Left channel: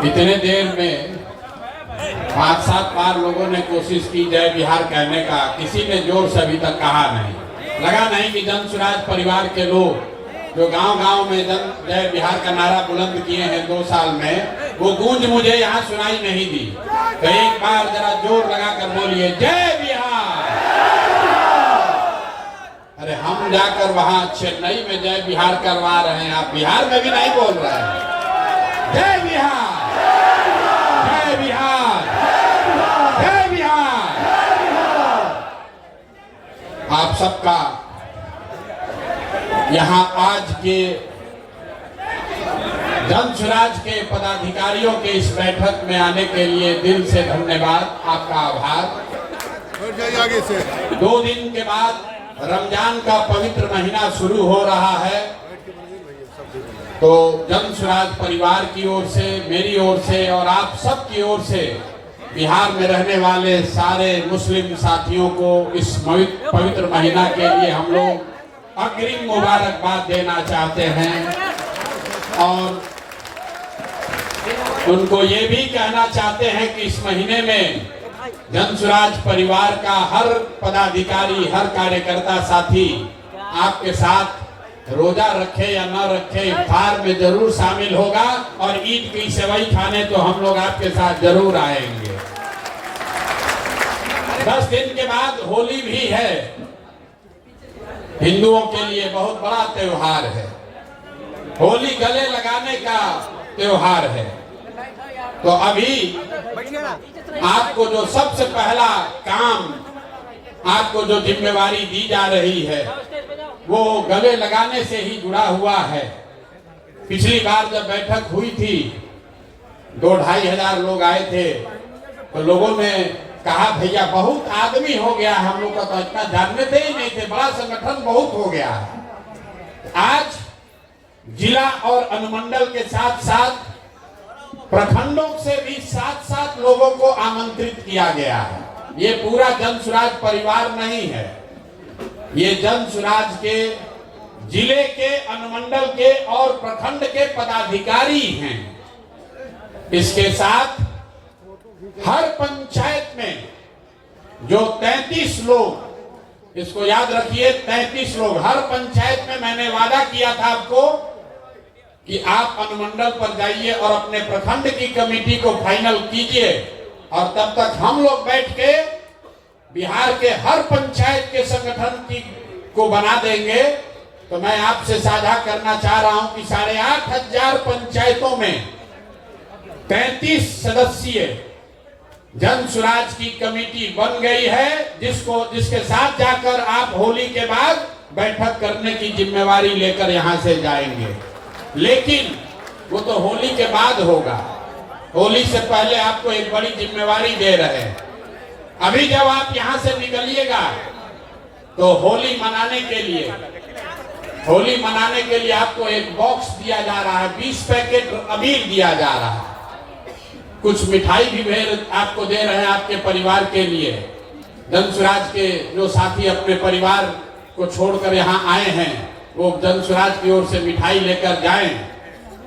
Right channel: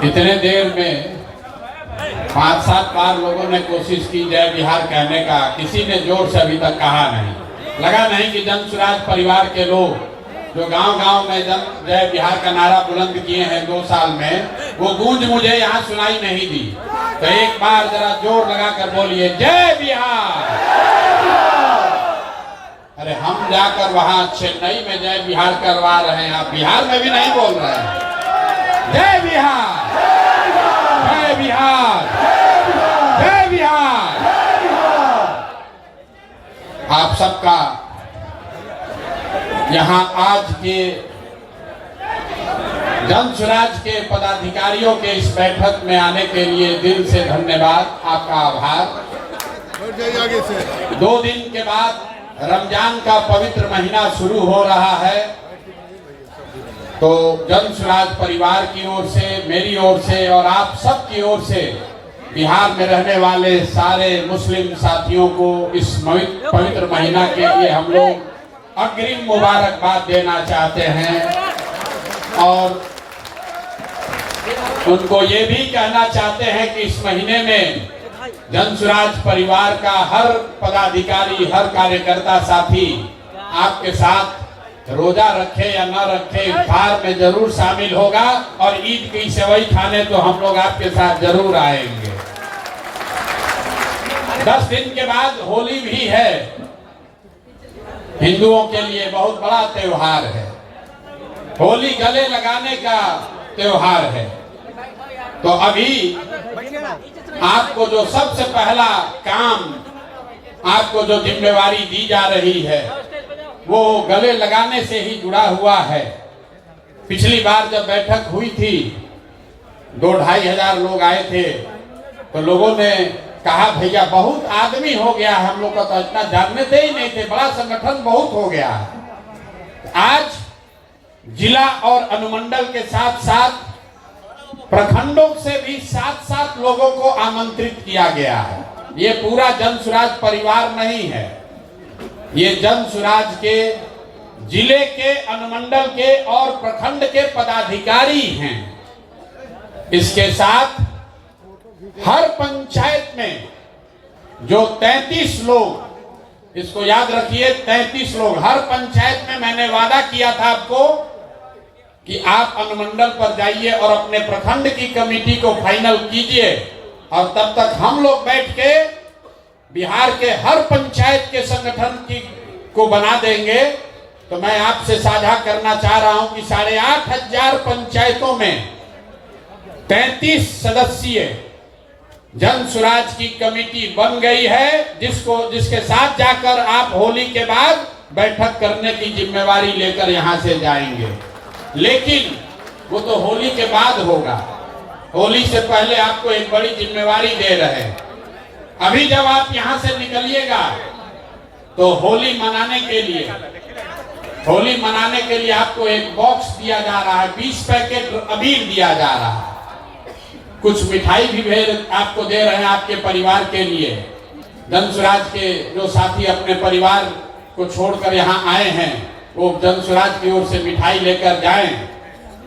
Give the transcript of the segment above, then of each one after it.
इतने देर में 5-7 बार लोगों ने कोशिश की जय बिहार कहने का, किसी ने जोर से अभी तक कहा नहीं। लगा नहीं कि जन स्वराज परिवार के लोग जो गांव-गांव में जय बिहार का नारा बुलंद किए हैं 2 साल में, वो गूंज मुझे यहाँ सुनाई नहीं दी। तो एक बार जरा जोर लगा कर बोलिए जय बिहार। अरे हम जाकर वहां चेन्नई में जय बिहार करवा रहे हैं, आप बिहार में भी नहीं बोल रहे हैं। जय बिहार, जय बिहार, जय बिहार। आप सबका यहाँ आज के जन स्वराज के पदाधिकारियों के इस बैठक में आने के लिए दिल से धन्यवाद, आपका आभार। 2 दिन के बाद रमजान का पवित्र महीना शुरू हो रहा है, तो जन स्वराज परिवार की ओर से, मेरी ओर से और आप सब की ओर से बिहार में रहने वाले सारे मुस्लिम साथियों को इस पवित्र महीना के लिए हम लोग अग्रिम मुबारकबाद देना चाहते हैं और उनको ये भी कहना चाहते हैं कि इस महीने में जन स्वराज परिवार का हर पदाधिकारी, हर कार्यकर्ता साथी आपके साथ रोजा रखे या न रखे इफ्तार में जरूर शामिल होगा और ईद की सेवई खाने तो हम लोग आपके साथ जरूर आएंगे। 10 दिन के बाद होली भी है, हिंदुओं के लिए बहुत बड़ा त्योहार है। होली गले लगाने का त्योहार है। तो अभी आपको जो सबसे पहला काम, आपको जो जिम्मेवारी दी जा रही है, वो गले लगाने से ही जुड़ा हुआ है। पिछली बार जब बैठक हुई थी 2-2.5 हजार लोग आए थे, तो लोगों ने कहा भैया बहुत आदमी हो गया, हम लोग का तो इतना जानते ही नहीं थे, बड़ा संगठन बहुत हो गया। आज जिला और अनुमंडल के साथ साथ प्रखंडों से भी 7-7 लोगों को आमंत्रित किया गया है। ये पूरा जन स्वराज परिवार नहीं है, ये जन स्वराज के जिले के, अनुमंडल के और प्रखंड के पदाधिकारी हैं। इसके साथ हर पंचायत में जो 33 लोग, इसको याद रखिए 33 लोग, हर पंचायत में मैंने वादा किया था आपको कि आप अनुमंडल पर जाइए और अपने प्रखंड की कमेटी को फाइनल कीजिए और तब तक हम लोग बैठ के बिहार के हर पंचायत के संगठन को बना देंगे। तो मैं आपसे साझा करना चाह रहा हूं कि 8,500 पंचायतों में 33 सदस्यीय जन स्वराज की कमेटी बन गई है, जिसके साथ जाकर आप होली के बाद बैठक करने की जिम्मेवारी लेकर यहां से जाएंगे। लेकिन वो तो होली के बाद होगा, होली से पहले आपको एक बड़ी जिम्मेवारी दे रहे हैं। अभी जब आप यहां से निकलिएगा तो होली मनाने के लिए आपको एक बॉक्स दिया जा रहा है, 20 पैकेट अबीर दिया जा रहा है, कुछ मिठाई भी आपको दे रहे हैं आपके परिवार के लिए। जन स्वराज के जो साथी अपने परिवार को छोड़कर यहाँ आए हैं, वो जन स्वराज की ओर से मिठाई लेकर जाएं।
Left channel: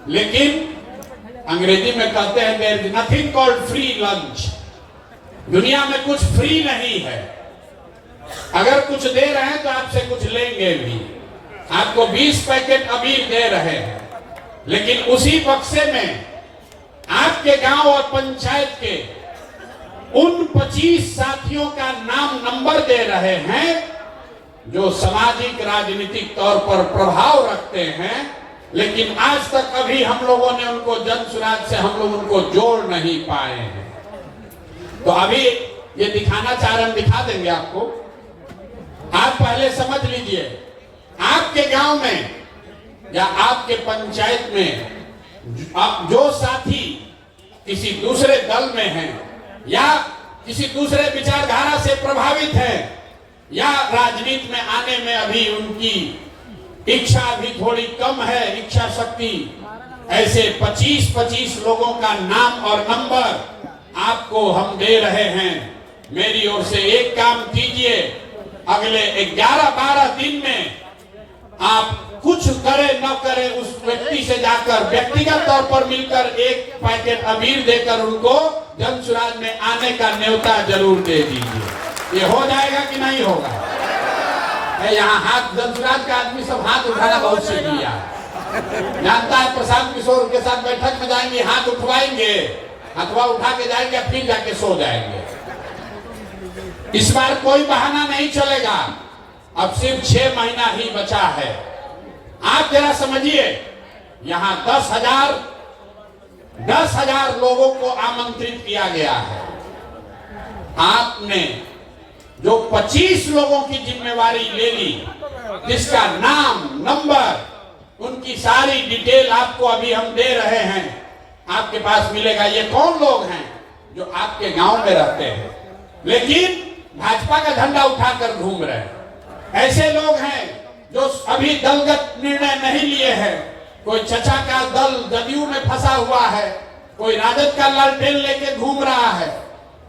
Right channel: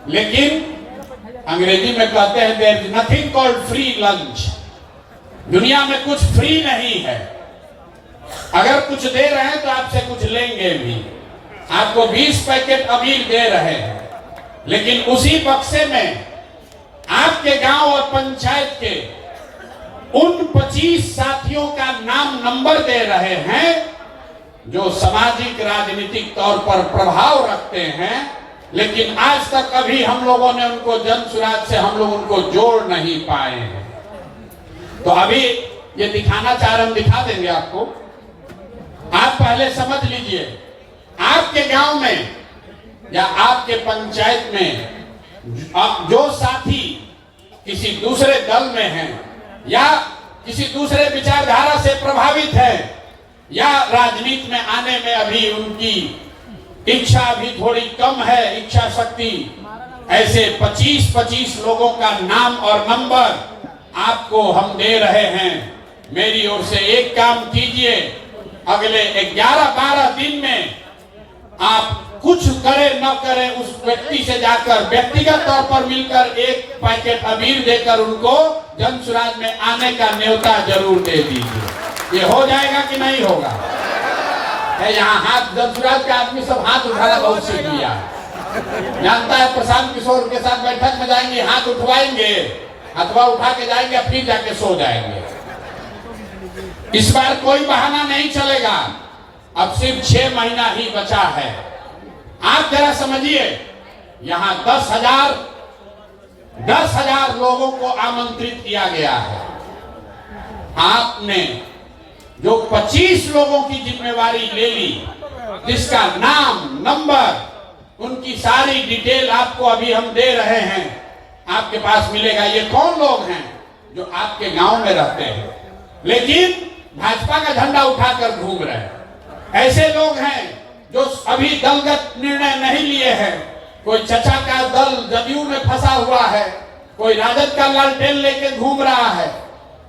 लेकिन अंग्रेजी में कहते हैं there is nothing called free lunch. दुनिया में कुछ फ्री नहीं है, अगर कुछ दे रहे हैं तो आपसे कुछ लेंगे भी। आपको 20 पैकेट अबीर दे रहे हैं, लेकिन उसी बक्से में आपके गांव और पंचायत के उन 25 साथियों का नाम नंबर दे रहे हैं जो सामाजिक राजनीतिक तौर पर प्रभाव रखते हैं, लेकिन आज तक अभी हम लोगों ने उनको जन स्वराज से हम लोग उनको जोड़ नहीं पाए हैं। तो अभी ये दिखाना चाह रहे, हम दिखा देंगे आपको। आप पहले समझ लीजिए, आपके गांव में या आपके पंचायत में जो साथी किसी दूसरे दल में हैं या किसी दूसरे विचारधारा से प्रभावित है या राजनीति में आने में अभी उनकी इच्छा भी थोड़ी कम है, इच्छा शक्ति, ऐसे 25-25 लोगों का नाम और नंबर आपको हम दे रहे हैं। मेरी ओर से एक काम कीजिए, अगले 11-12 दिन में आप कुछ करे न करे उस व्यक्ति से जाकर व्यक्तिगत तौर पर मिलकर एक पैकेट अबीर देकर उनको जन सुराज में आने का न्योता जरूर दे दीजिए। ये हो जाएगा कि नहीं होगा? यहाँ हाथ जन सुराज के आदमी सब हाथ उठाना बहुत सीख लिया, जानता है। प्रशांत किशोर के साथ बैठक में जाएंगे, हाथ उठवाएंगे, हथवा उठा के जाएंगे, फिर जाके सो जाएंगे। इस बार कोई बहाना नहीं चलेगा। अब सिर्फ 6 महीना ही बचा है। आप जरा समझिए, यहाँ 10,000 लोगों को आमंत्रित किया गया है। आपने जो 25 लोगों की जिम्मेवारी ले ली, जिसका नाम, नंबर, उनकी सारी डिटेल आपको अभी हम दे रहे हैं, आपके पास मिलेगा। ये कौन लोग हैं जो आपके गांव में रहते हैं लेकिन भाजपा का झंडा उठाकर घूम रहे हैं? ऐसे लोग हैं जो अभी दलगत निर्णय नहीं लिए हैं। कोई चचा का दल जदयू में फंसा हुआ है, कोई राजद का लालटेन लेके घूम रहा है।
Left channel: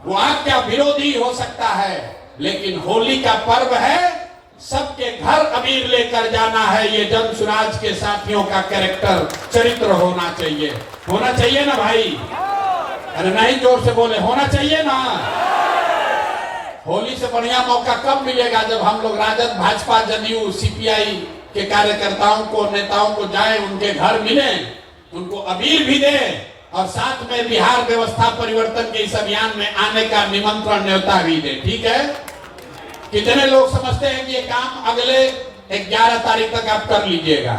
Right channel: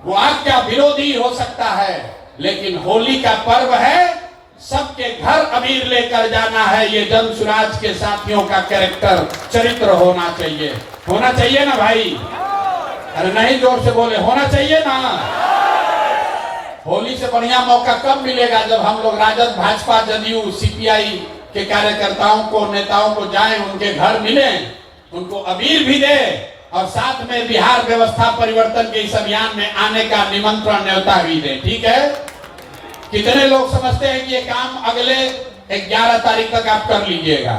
वो आपका विरोधी हो सकता है, लेकिन होली का पर्व है, सबके घर अबीर लेकर जाना है। ये जन सुराज के साथियों का कैरेक्टर, चरित्र होना चाहिए। होना चाहिए ना भाई? अरे नहीं, जोर से बोले, होना चाहिए ना। होली से बढ़िया मौका कब मिलेगा जब हम लोग राजद, भाजपा, जदयू, सीपीआई के कार्यकर्ताओं को, नेताओं को जाएं, उनके घर मिलें, उनको अबीर भी दें और साथ में बिहार व्यवस्था परिवर्तन के इस अभियान में आने का निमंत्रण, न्योता भी दें। ठीक है? कितने लोग समझते हैं कि ये काम अगले 11 तारीख तक आप कर लीजिएगा?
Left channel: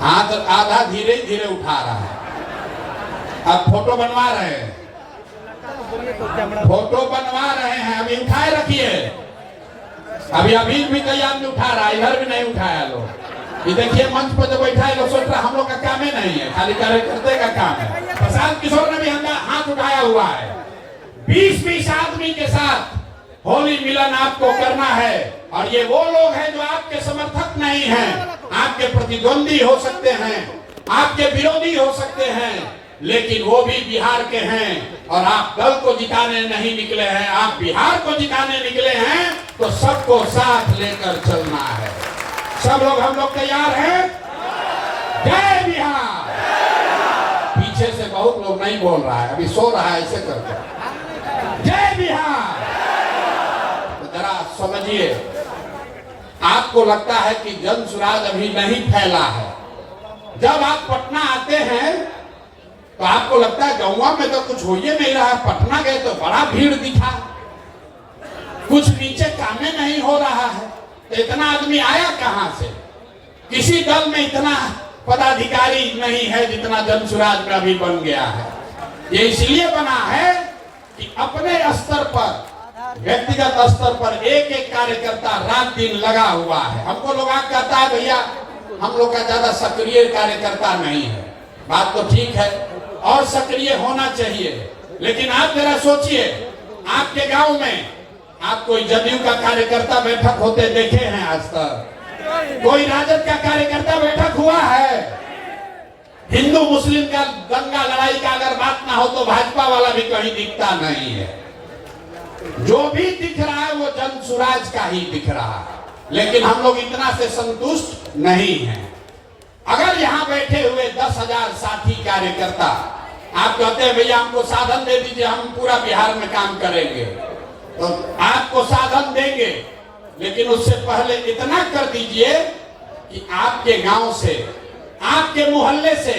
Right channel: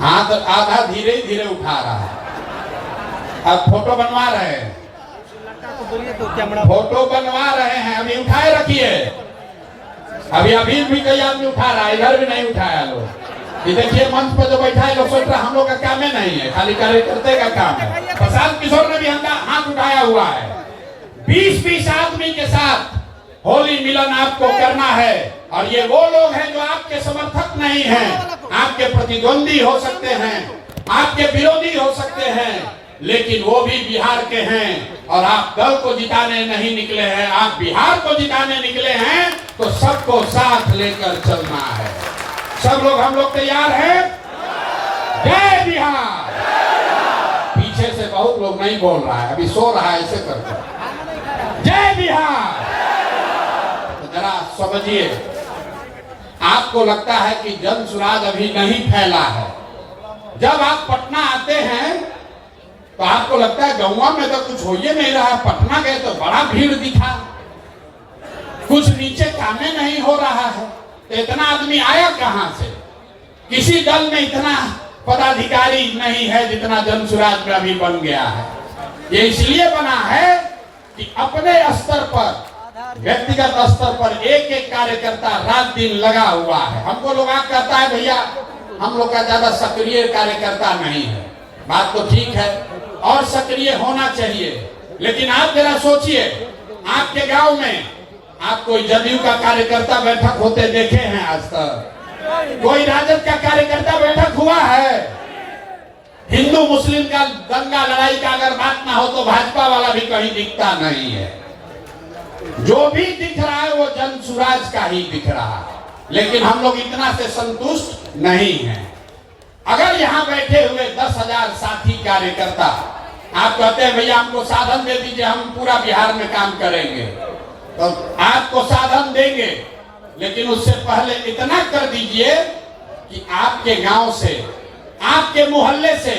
हाथ आधा धीरे धीरे उठा रहा है। अब फोटो बनवा रहे हैं, फोटो बनवा रहे हैं, अभी उठाए रखिए। अभी भी कई आदमी उठा रहा है, इधर भी नहीं उठाया लोग। ये देखिए मंच पर जो बैठा है, लोग सोच रहे हम लोग का काम ही नहीं है, खाली कार्यकर्ता का काम है। प्रशांत किशोर ने भी हाथ उठाया हुआ है। 20-20 आदमी के साथ होली मिलन आपको करना है। और ये वो लोग हैं जो आपके समर्थक नहीं हैं, आपके प्रतिद्वंदी हो सकते हैं, आपके विरोधी हो सकते हैं, लेकिन वो भी बिहार के हैं। और आप दल को जिताने नहीं निकले हैं, आप बिहार को जिताने निकले हैं। तो सबको साथ लेकर चलना है। सब लोग, हम लोग तैयार हैं? जय बिहार। पीछे से बहुत लोग नहीं बोल रहा है, अभी सो रहा है, ऐसे करके जय बिहार। तो जरा समझिए, आपको लगता है कि जन सुराज अभी नहीं फैला है। जब आप पटना आते हैं तो आपको लगता है गौवा में तो कुछ हो ही नहीं रहा। पटना गए तो बड़ा भीड़ दिखा, कुछ नीचे कामे नहीं हो रहा है। इतना आदमी आया कहां से? किसी दल में इतना पदाधिकारी नहीं है जितना जन सुराज में अभी बन गया है। ये इसलिए बना है कि अपने स्तर पर, व्यक्तिगत स्तर पर एक एक कार्यकर्ता रात दिन लगा हुआ है। हमको लोग कहता है भैया हम लोग का ज्यादा सक्रिय कार्यकर्ता नहीं है। बात तो ठीक है और सक्रिय होना चाहिए, लेकिन आप जरा सोचिए, आपके गांव में आप कोई जदयू का कार्यकर्ता बैठक होते देखे हैं आज तक? कोई राजद का कार्यकर्ता बैठक हुआ है? हिंदू मुस्लिम का दंगा लड़ाई का अगर बात ना हो तो भाजपा वाला भी कहीं दिखता नहीं है। जो भी दिख रहा है वो जन सुराज का ही दिख रहा है। लेकिन हम लोग इतना से संतुष्ट नहीं हैं। अगर यहाँ बैठे हुए 10,000 साथी कार्यकर्ता आप कहते हैं भैया हमको साधन दे दीजिए, हम पूरा बिहार में काम करेंगे, तो आपको साधन देंगे, लेकिन उससे पहले इतना कर दीजिए कि आपके गांव से, आपके मोहल्ले से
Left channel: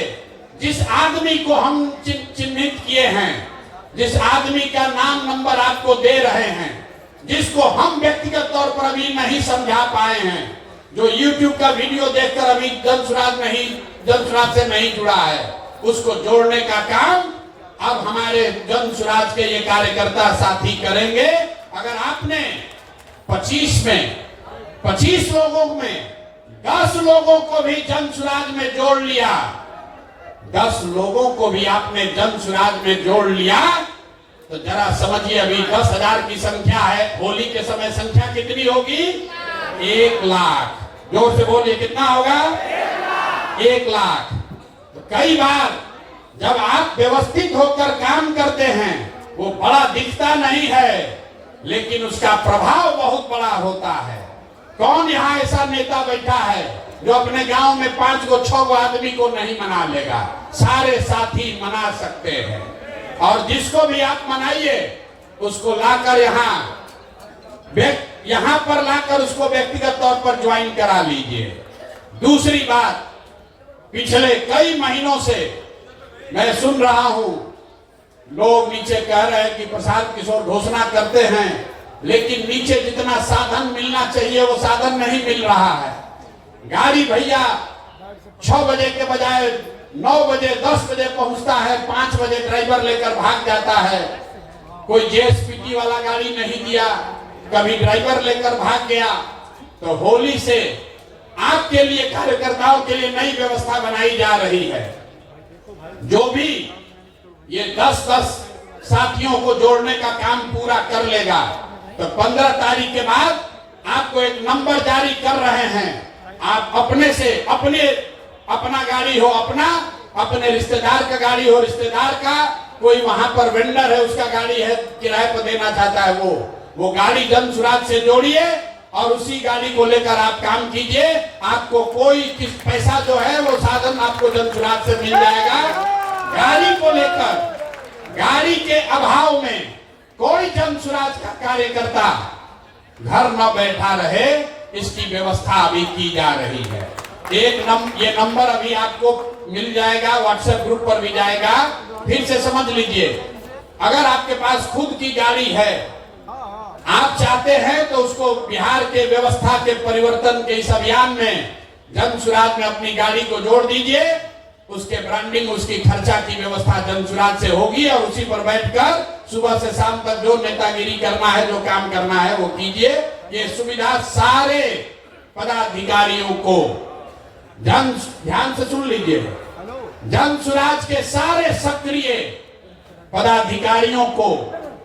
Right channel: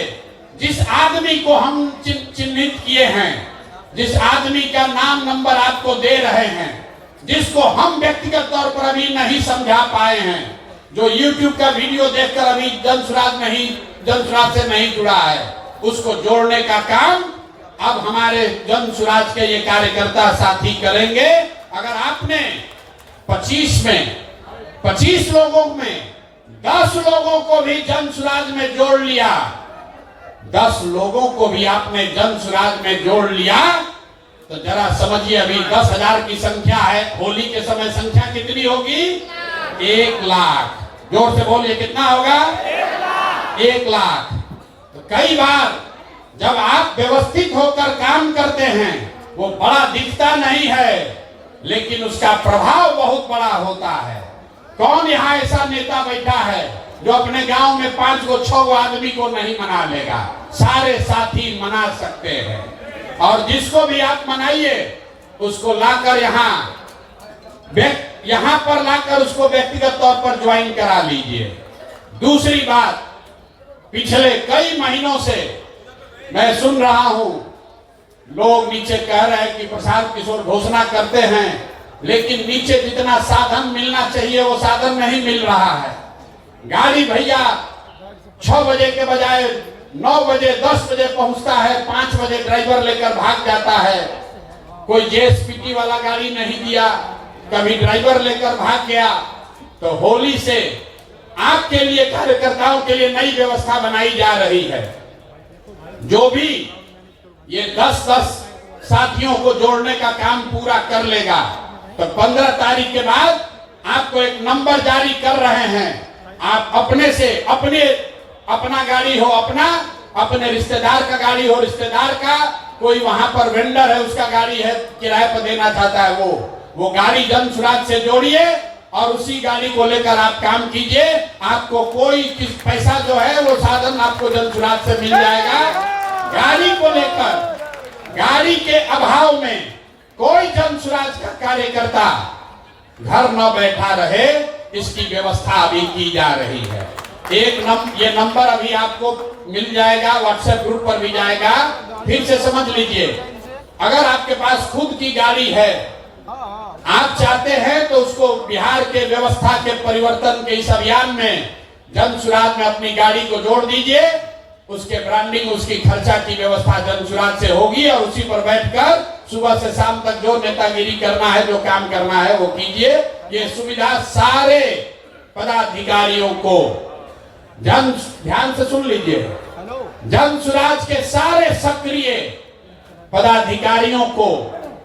जिस आदमी को हम चिन्हित किए हैं, जिस आदमी का नाम नंबर आपको दे रहे हैं, जिसको हम व्यक्तिगत तौर पर अभी नहीं समझा पाए हैं, जो YouTube का वीडियो देखकर अभी जन सुराज से नहीं जुड़ा है, उसको जोड़ने का काम अब हमारे जन सुराज के ये कार्यकर्ता साथी करेंगे। अगर आपने 25 लोगों में 10 लोगों को भी जन सुराज में जोड़ लिया, 10 लोगों को भी आपने जन सुराज में जोड़ लिया, तो जरा समझिए अभी 10,000 की संख्या है, होली के समय संख्या कितनी होगी? 1 लाख। जोर से बोलिए, कितना होगा? 1 लाख। तो कई बार जब आप व्यवस्थित होकर काम करते हैं, वो बड़ा दिखता नहीं है, लेकिन उसका प्रभाव बहुत बड़ा होता है। कौन यहाँ ऐसा नेता बैठा है जो अपने गांव में 5 गो 6 गो आदमी को नहीं मना लेगा? सारे साथी मना सकते हैं। और जिसको भी आप मनाइए उसको लाकर यहाँ पर लाकर उसको व्यक्तिगत तौर पर ज्वाइन करा लीजिए। दूसरी बात, पिछले कई महीनों से मैं सुन रहा हूं, लोग नीचे कह रहे हैं कि प्रशांत किशोर घोषणा करते हैं, लेकिन नीचे जितना साधन मिलना चाहिए वो साधन नहीं मिल रहा है। गाड़ी भैया 6 बजे के बजाय 9 बजे 10 बजे पहुंचता है, 5 बजे ड्राइवर लेकर भाग जाता है। कोई जेएसपीटी वाला गाड़ी नहीं दिया, कभी ड्राइवर लेकर भाग गया। तो होली से आपके लिए, कार्यकर्ताओं के लिए नई व्यवस्था बनाई जा रही है। जो भी ये 10-10 साथियों को जोड़ने का काम पूरा कर लेगा तो 15 तारीख के बाद आपको एक नंबर जारी कर रहे हैं। आप अपने से अपना गाड़ी हो अपना, अपने रिश्तेदार का गाड़ी हो रिश्तेदार का, कोई वहां पर वेंडर है उसका गाड़ी है किराए पर देना चाहता है, वो गाड़ी जन सुराज से जोड़िए और उसी गाड़ी को लेकर आप काम कीजिए। आपको कोई पैसा जो है वो साधन आपको जन सुराज से मिल जाएगा। गाड़ी को लेकर, गाड़ी के अभाव में कोई जन सुराज का कार्यकर्ता घर न बैठा रहे, इसकी व्यवस्था अभी की जा रही है। ये नंबर अभी आपको मिल जाएगा, व्हाट्सएप ग्रुप पर भी जाएगा। फिर से समझ लीजिए, अगर आपके पास खुद की गाड़ी है, आप चाहते हैं तो उसको बिहार के व्यवस्था के परिवर्तन के इस अभियान में जन सुराज में अपनी गाड़ी को जोड़ दीजिए। उसके ब्रांडिंग, उसकी खर्चा की व्यवस्था जन सुराज से होगी और उसी पर बैठकर सुबह से शाम तक जो नेतागिरी करना है, जो काम करना है वो कीजिए। ये सुविधा सारे पदाधिकारियों को, ध्यान से सुन लीजिए, जन सुराज के सारे सक्रिय पदाधिकारियों को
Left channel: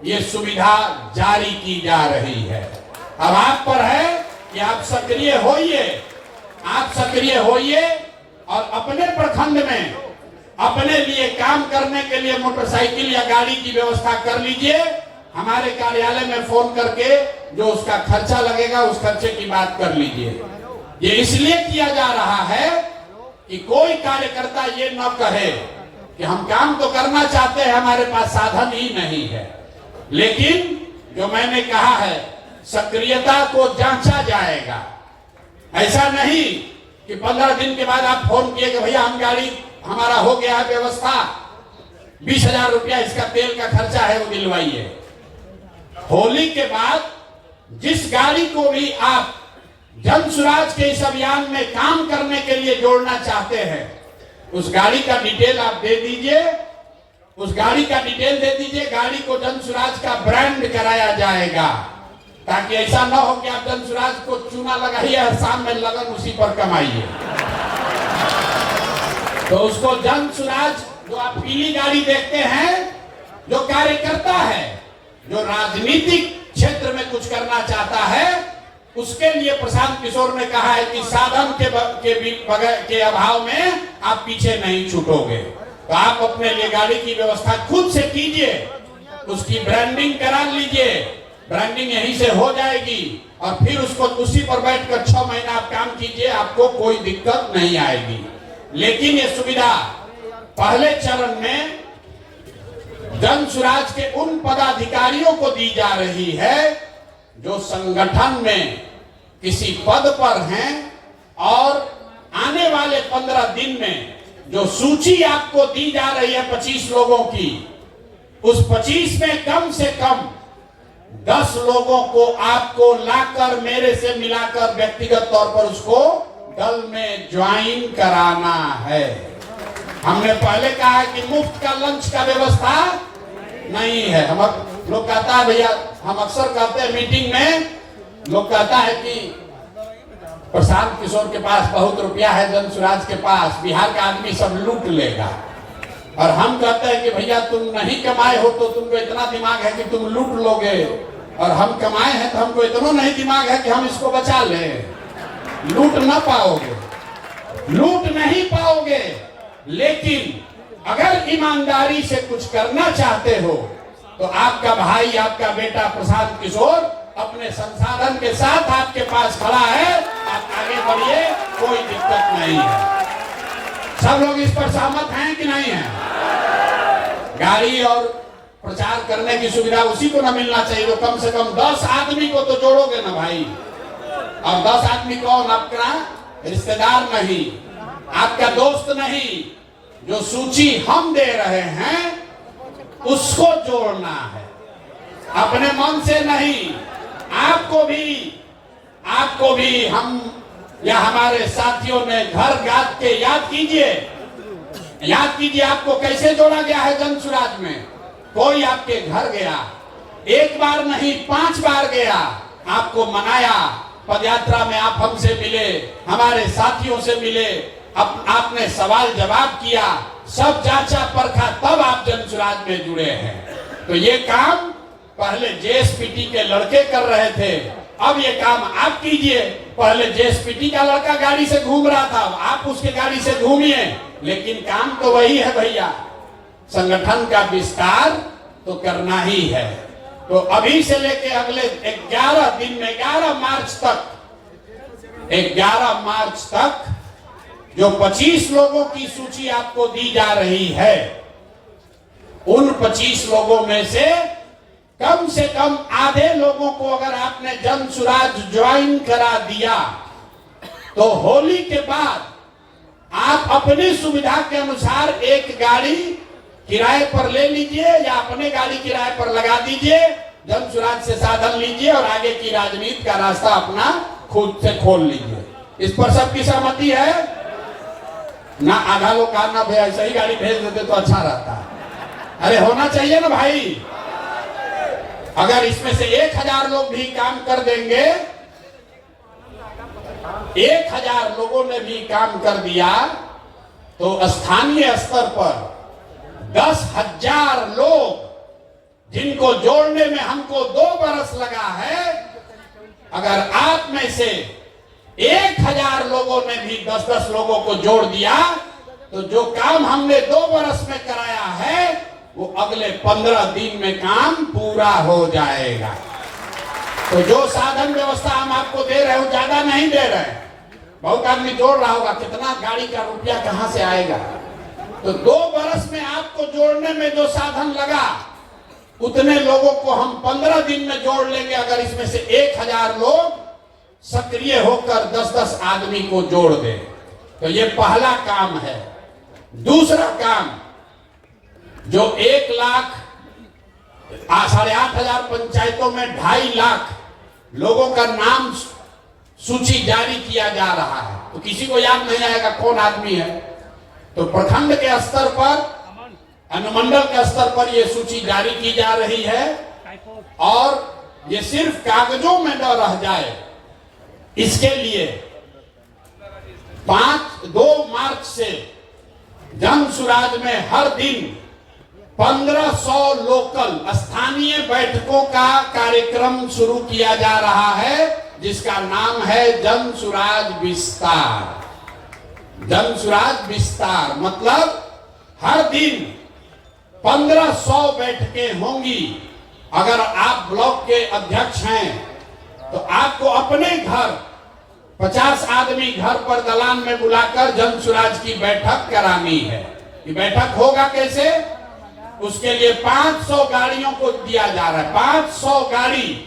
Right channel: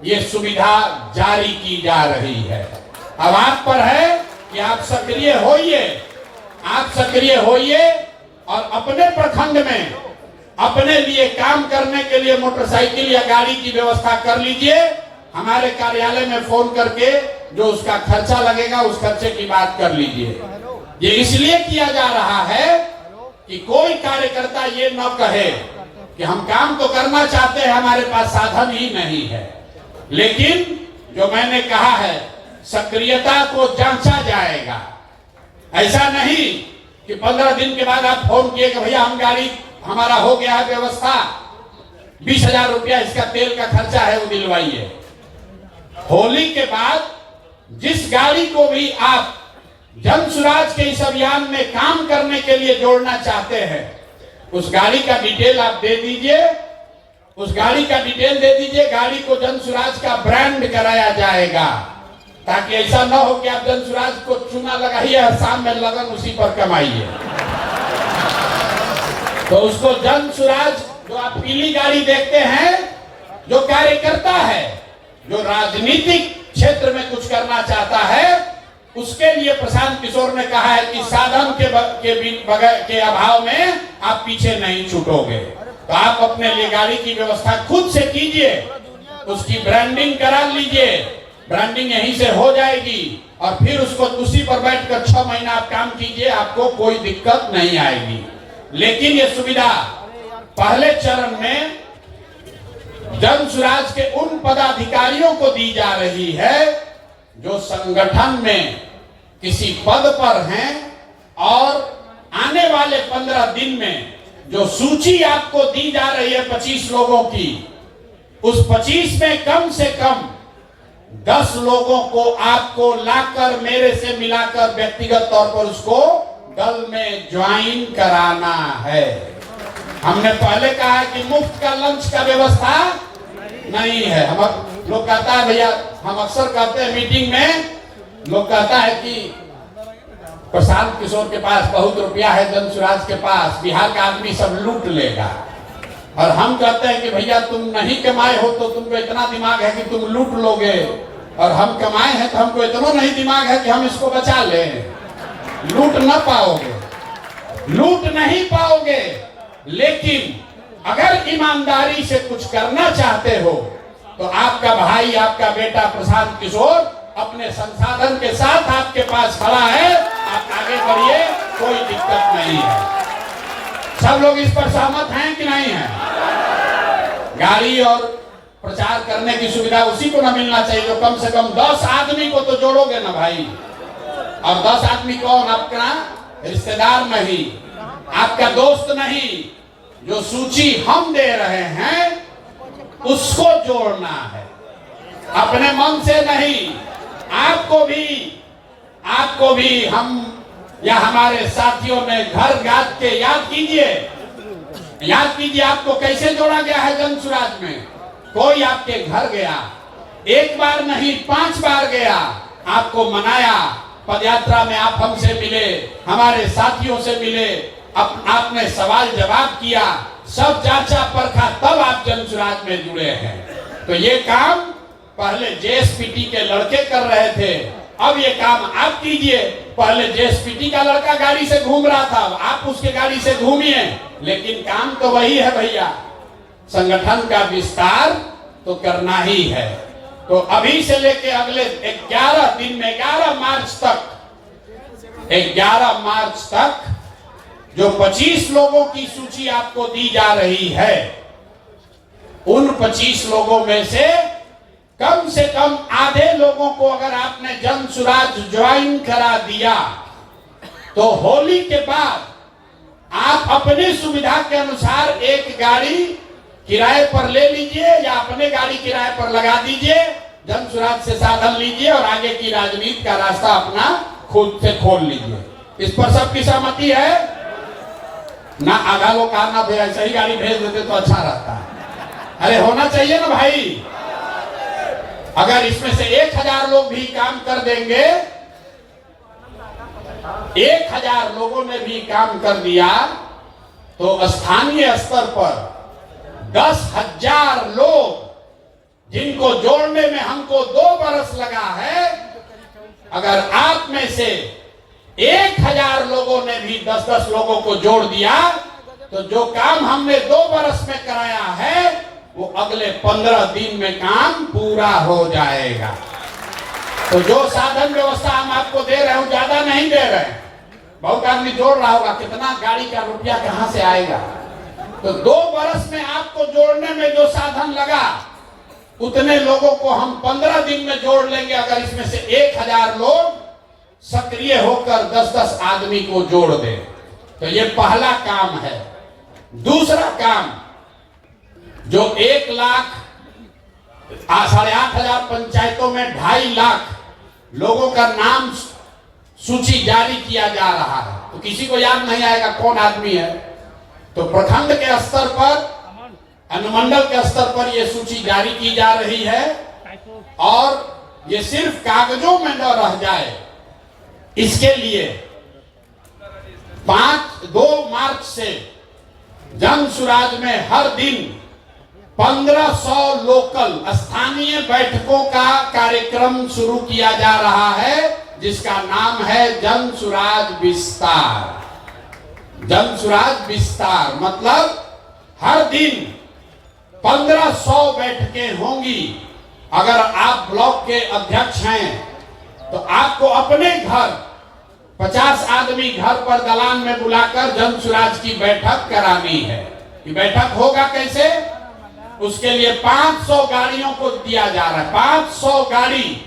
ये सुविधा जारी की जा रही है। अब आप पर है कि आप सक्रिय होइए और अपने प्रखंड में अपने लिए काम करने के लिए मोटरसाइकिल या गाड़ी की व्यवस्था कर लीजिए। हमारे कार्यालय में फोन करके जो उसका खर्चा लगेगा उस खर्चे की बात कर लीजिए। ये इसलिए किया जा रहा है कि कोई कार्यकर्ता ये न कहे कि हम काम तो करना चाहते हैं, हमारे पास साधन ही नहीं है। लेकिन जो मैंने कहा है, सक्रियता को जांचा जाएगा। ऐसा नहीं कि 15 दिन के बाद आप फोन किए कि भैया हम गाड़ी, हमारा हो गया है व्यवस्था, 20,000 रुपया इसका तेल का खर्चा है वो दिलवाइए। होली के बाद जिस गाड़ी को भी आप जन सुराज के इस अभियान में काम करने के लिए जोड़ना चाहते हैं, उस गाड़ी का डिटेल आप दे दीजिए, गाड़ी को जन सुराज का ब्रांड कराया जाएगा, ताकि ऐसा न हो कि आप जन सुराज को चूना लगाइए, शाम में लगन उसी पर कमाइए। तो उसको जन सुराज, जो आप पीली गाड़ी देखते हैं, जो कार्यकर्ता है, जो राजनीतिक क्षेत्र में कुछ करना चाहता है, उसके लिए प्रशांत किशोर ने कहा है कि साधन के अभाव में आप पीछे नहीं छूटोगे। तो आप अपने लिए गाड़ी की व्यवस्था खुद से कीजिए, उसकी ब्रांडिंग करा लीजिए, ब्रांडिंग यहीं से हो जाएगी और फिर उसको उसी पर बैठकर 6 महीना आप काम कीजिए, आपको कोई दिक्कत नहीं आएगी। लेकिन ये सुविधा पहले चरण में जन सुराज के उन पदाधिकारियों को दी जा रही है जो संगठन में किसी पद पर हैं और आने वाले 15 दिन में जो सूची आपको दी जा रही है 25 लोगों की, उस 25 में कम से कम 10 लोगों को आपको लाकर मेरे से मिलाकर व्यक्तिगत तौर पर उसको दल में ज्वाइन कराना है। हमने पहले कहा कि मुफ्त का लंच का व्यवस्था नहीं है। हम लोग कहता है भैया, हम अक्सर कहते हैं मीटिंग में, लोग कहता है कि प्रशांत किशोर के पास बहुत रुपया है, जन सुराज के पास बिहार का आदमी सब लूट लेगा। और हम कहते हैं कि भैया तुम नहीं कमाए हो तो तुमको इतना दिमाग है कि तुम लूट लोगे, और हम कमाए हैं तो हमको इतना नहीं दिमाग है कि हम इसको बचा लें। लूट नहीं पाओगे। लेकिन अगर ईमानदारी से कुछ करना चाहते हो तो आपका भाई, आपका बेटा प्रशांत किशोर अपने संसाधन के साथ आपके पास खड़ा है, आप आगे बढ़िए, कोई दिक्कत नहीं है। सब लोग इस पर सहमत हैं कि नहीं है? गाड़ी और प्रचार करने की सुविधा उसी को न मिलना चाहिए तो कम से कम 10 आदमी को तो जोड़ोगे ना भाई। और 10 आदमी कौन? आपका रिश्तेदार नहीं, आपका दोस्त नहीं, जो सूची हम दे रहे हैं उसको जोड़ना है, अपने मन से नहीं। आपको भी हम या हमारे साथियों ने घर याद के याद कीजिए आपको कैसे जोड़ा गया है जन सुराज में। कोई आपके घर गया, एक बार नहीं 5 बार गया, आपको मनाया, पदयात्रा में आप हमसे मिले, हमारे साथियों से मिले, आपने सवाल जवाब किया, सब जांचा परखा, तब आप जन सुराज में जुड़े हैं। तो ये काम पहले जेएसपीटी के लड़के कर रहे थे, अब ये काम आप कीजिए। पहले जेएसपीटी का लड़का गाड़ी से घूम रहा था, आप उसके गाड़ी से घूमिए, लेकिन काम तो वही है भैया, संगठन का विस्तार तो करना ही है। तो अभी से लेके अगले 11 दिन में 11 मार्च तक जो 25 लोगों की सूची आपको दी जा रही है, उन 25 लोगों में से कम आधे लोगों को अगर आपने जन सुराज ज्वाइन करा दिया तो होली के बाद आप अपनी सुविधा के अनुसार एक गाड़ी किराए पर ले लीजिए या अपने गाड़ी किराए पर लगा दीजिए, जन सुराज से साधन लीजिए और आगे की राजनीति का रास्ता अपना खुद से खोल लीजिए। इस पर सबकी सहमति है ना? आधा लोग कहना भाई ऐसा ही गाड़ी भेज देते तो अच्छा रहता है। अरे होना चाहिए ना भाई। अगर इसमें से 1000 लोग भी काम कर देंगे, 1000 लोगों ने भी काम कर दिया तो स्थानीय स्तर पर 10,000 लोग, जिनको जोड़ने में हमको 2 बरस लगा है, अगर आप में से 1000 लोगों ने भी 10-10 लोगों को जोड़ दिया तो जो काम हमने 2 बरस में कराया है वो अगले 15 दिन में काम पूरा हो जाएगा। तो जो साधन व्यवस्था हम आपको दे रहे हैं ज्यादा नहीं दे रहे हैं। बहुत आदमी जोड़ रहा होगा कितना गाड़ी का रुपया कहां से आएगा, तो 2 बरस में आपको जोड़ने में जो साधन लगा उतने लोगों को हम 15 दिन में जोड़ लेंगे। अगर इसमें से 1000 लोग सक्रिय होकर 10-10 आदमी को जोड़ दे तो ये पहला काम है। दूसरा काम, जो 1 लाख 8,500 पंचायतों में 2.5 लाख लोगों का नाम सूची जारी किया जा रहा है, तो किसी को याद नहीं आएगा कौन आदमी है। तो प्रखंड के स्तर पर, अनुमंडल के स्तर पर यह सूची जारी की जा रही है और ये सिर्फ कागजों में न रह जाए, इसके लिए 2 मार्च से जन सुराज में हर दिन 1500 लोकल स्थानीय बैठकों का कार्यक्रम शुरू किया जा रहा है, जिसका नाम है जन सुराज विस्तार। जन सुराज विस्तार मतलब हर दिन 1500 बैठकें होंगी। अगर आप ब्लॉक के अध्यक्ष हैं तो आपको अपने घर 50 आदमी घर पर दलान में बुलाकर जन सुराज की बैठक करानी है। ये बैठक होगा कैसे? उसके लिए 500 गाड़ियों को दिया जा रहा है। 500 गाड़ी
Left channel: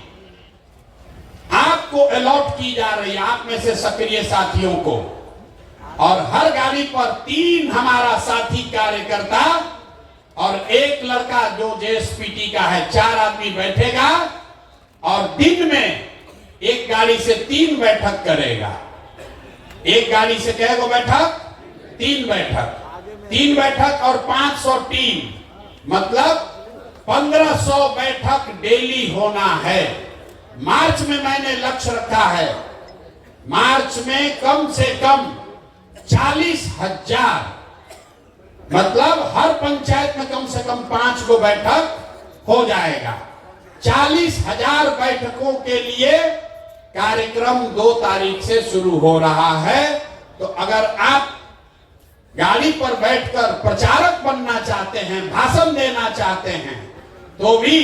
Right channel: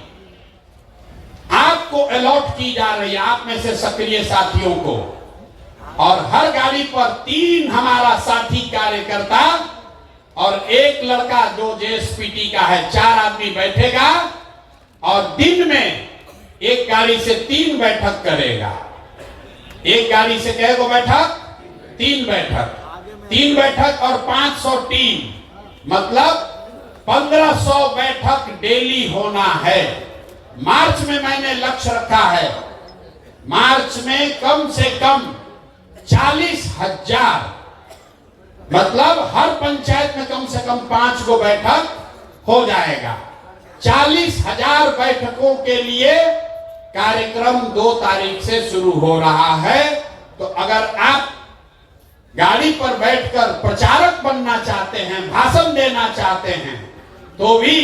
आपको अलॉट की जा रही है, आप में से सक्रिय साथियों को, और हर गाड़ी पर 3 हमारा साथी कार्यकर्ता और 1 लड़का जो जेएसपीटी का है, 4 आदमी बैठेगा और दिन में एक गाड़ी से 3 बैठक करेगा। एक गाड़ी से कितने बैठक? 3 बैठक। 3 बैठक और 500 टीम, मतलब 1500 बैठक डेली होना है। मार्च में मैंने लक्ष्य रखा है, मार्च में कम से कम 40,000, मतलब हर पंचायत में कम से कम 5 गो बैठक हो जाएगा। 40,000 बैठकों के लिए कार्यक्रम 2 तारीख से शुरू हो रहा है। तो अगर आप गाड़ी पर बैठकर प्रचारक बनना चाहते हैं, भाषण देना चाहते हैं, तो भी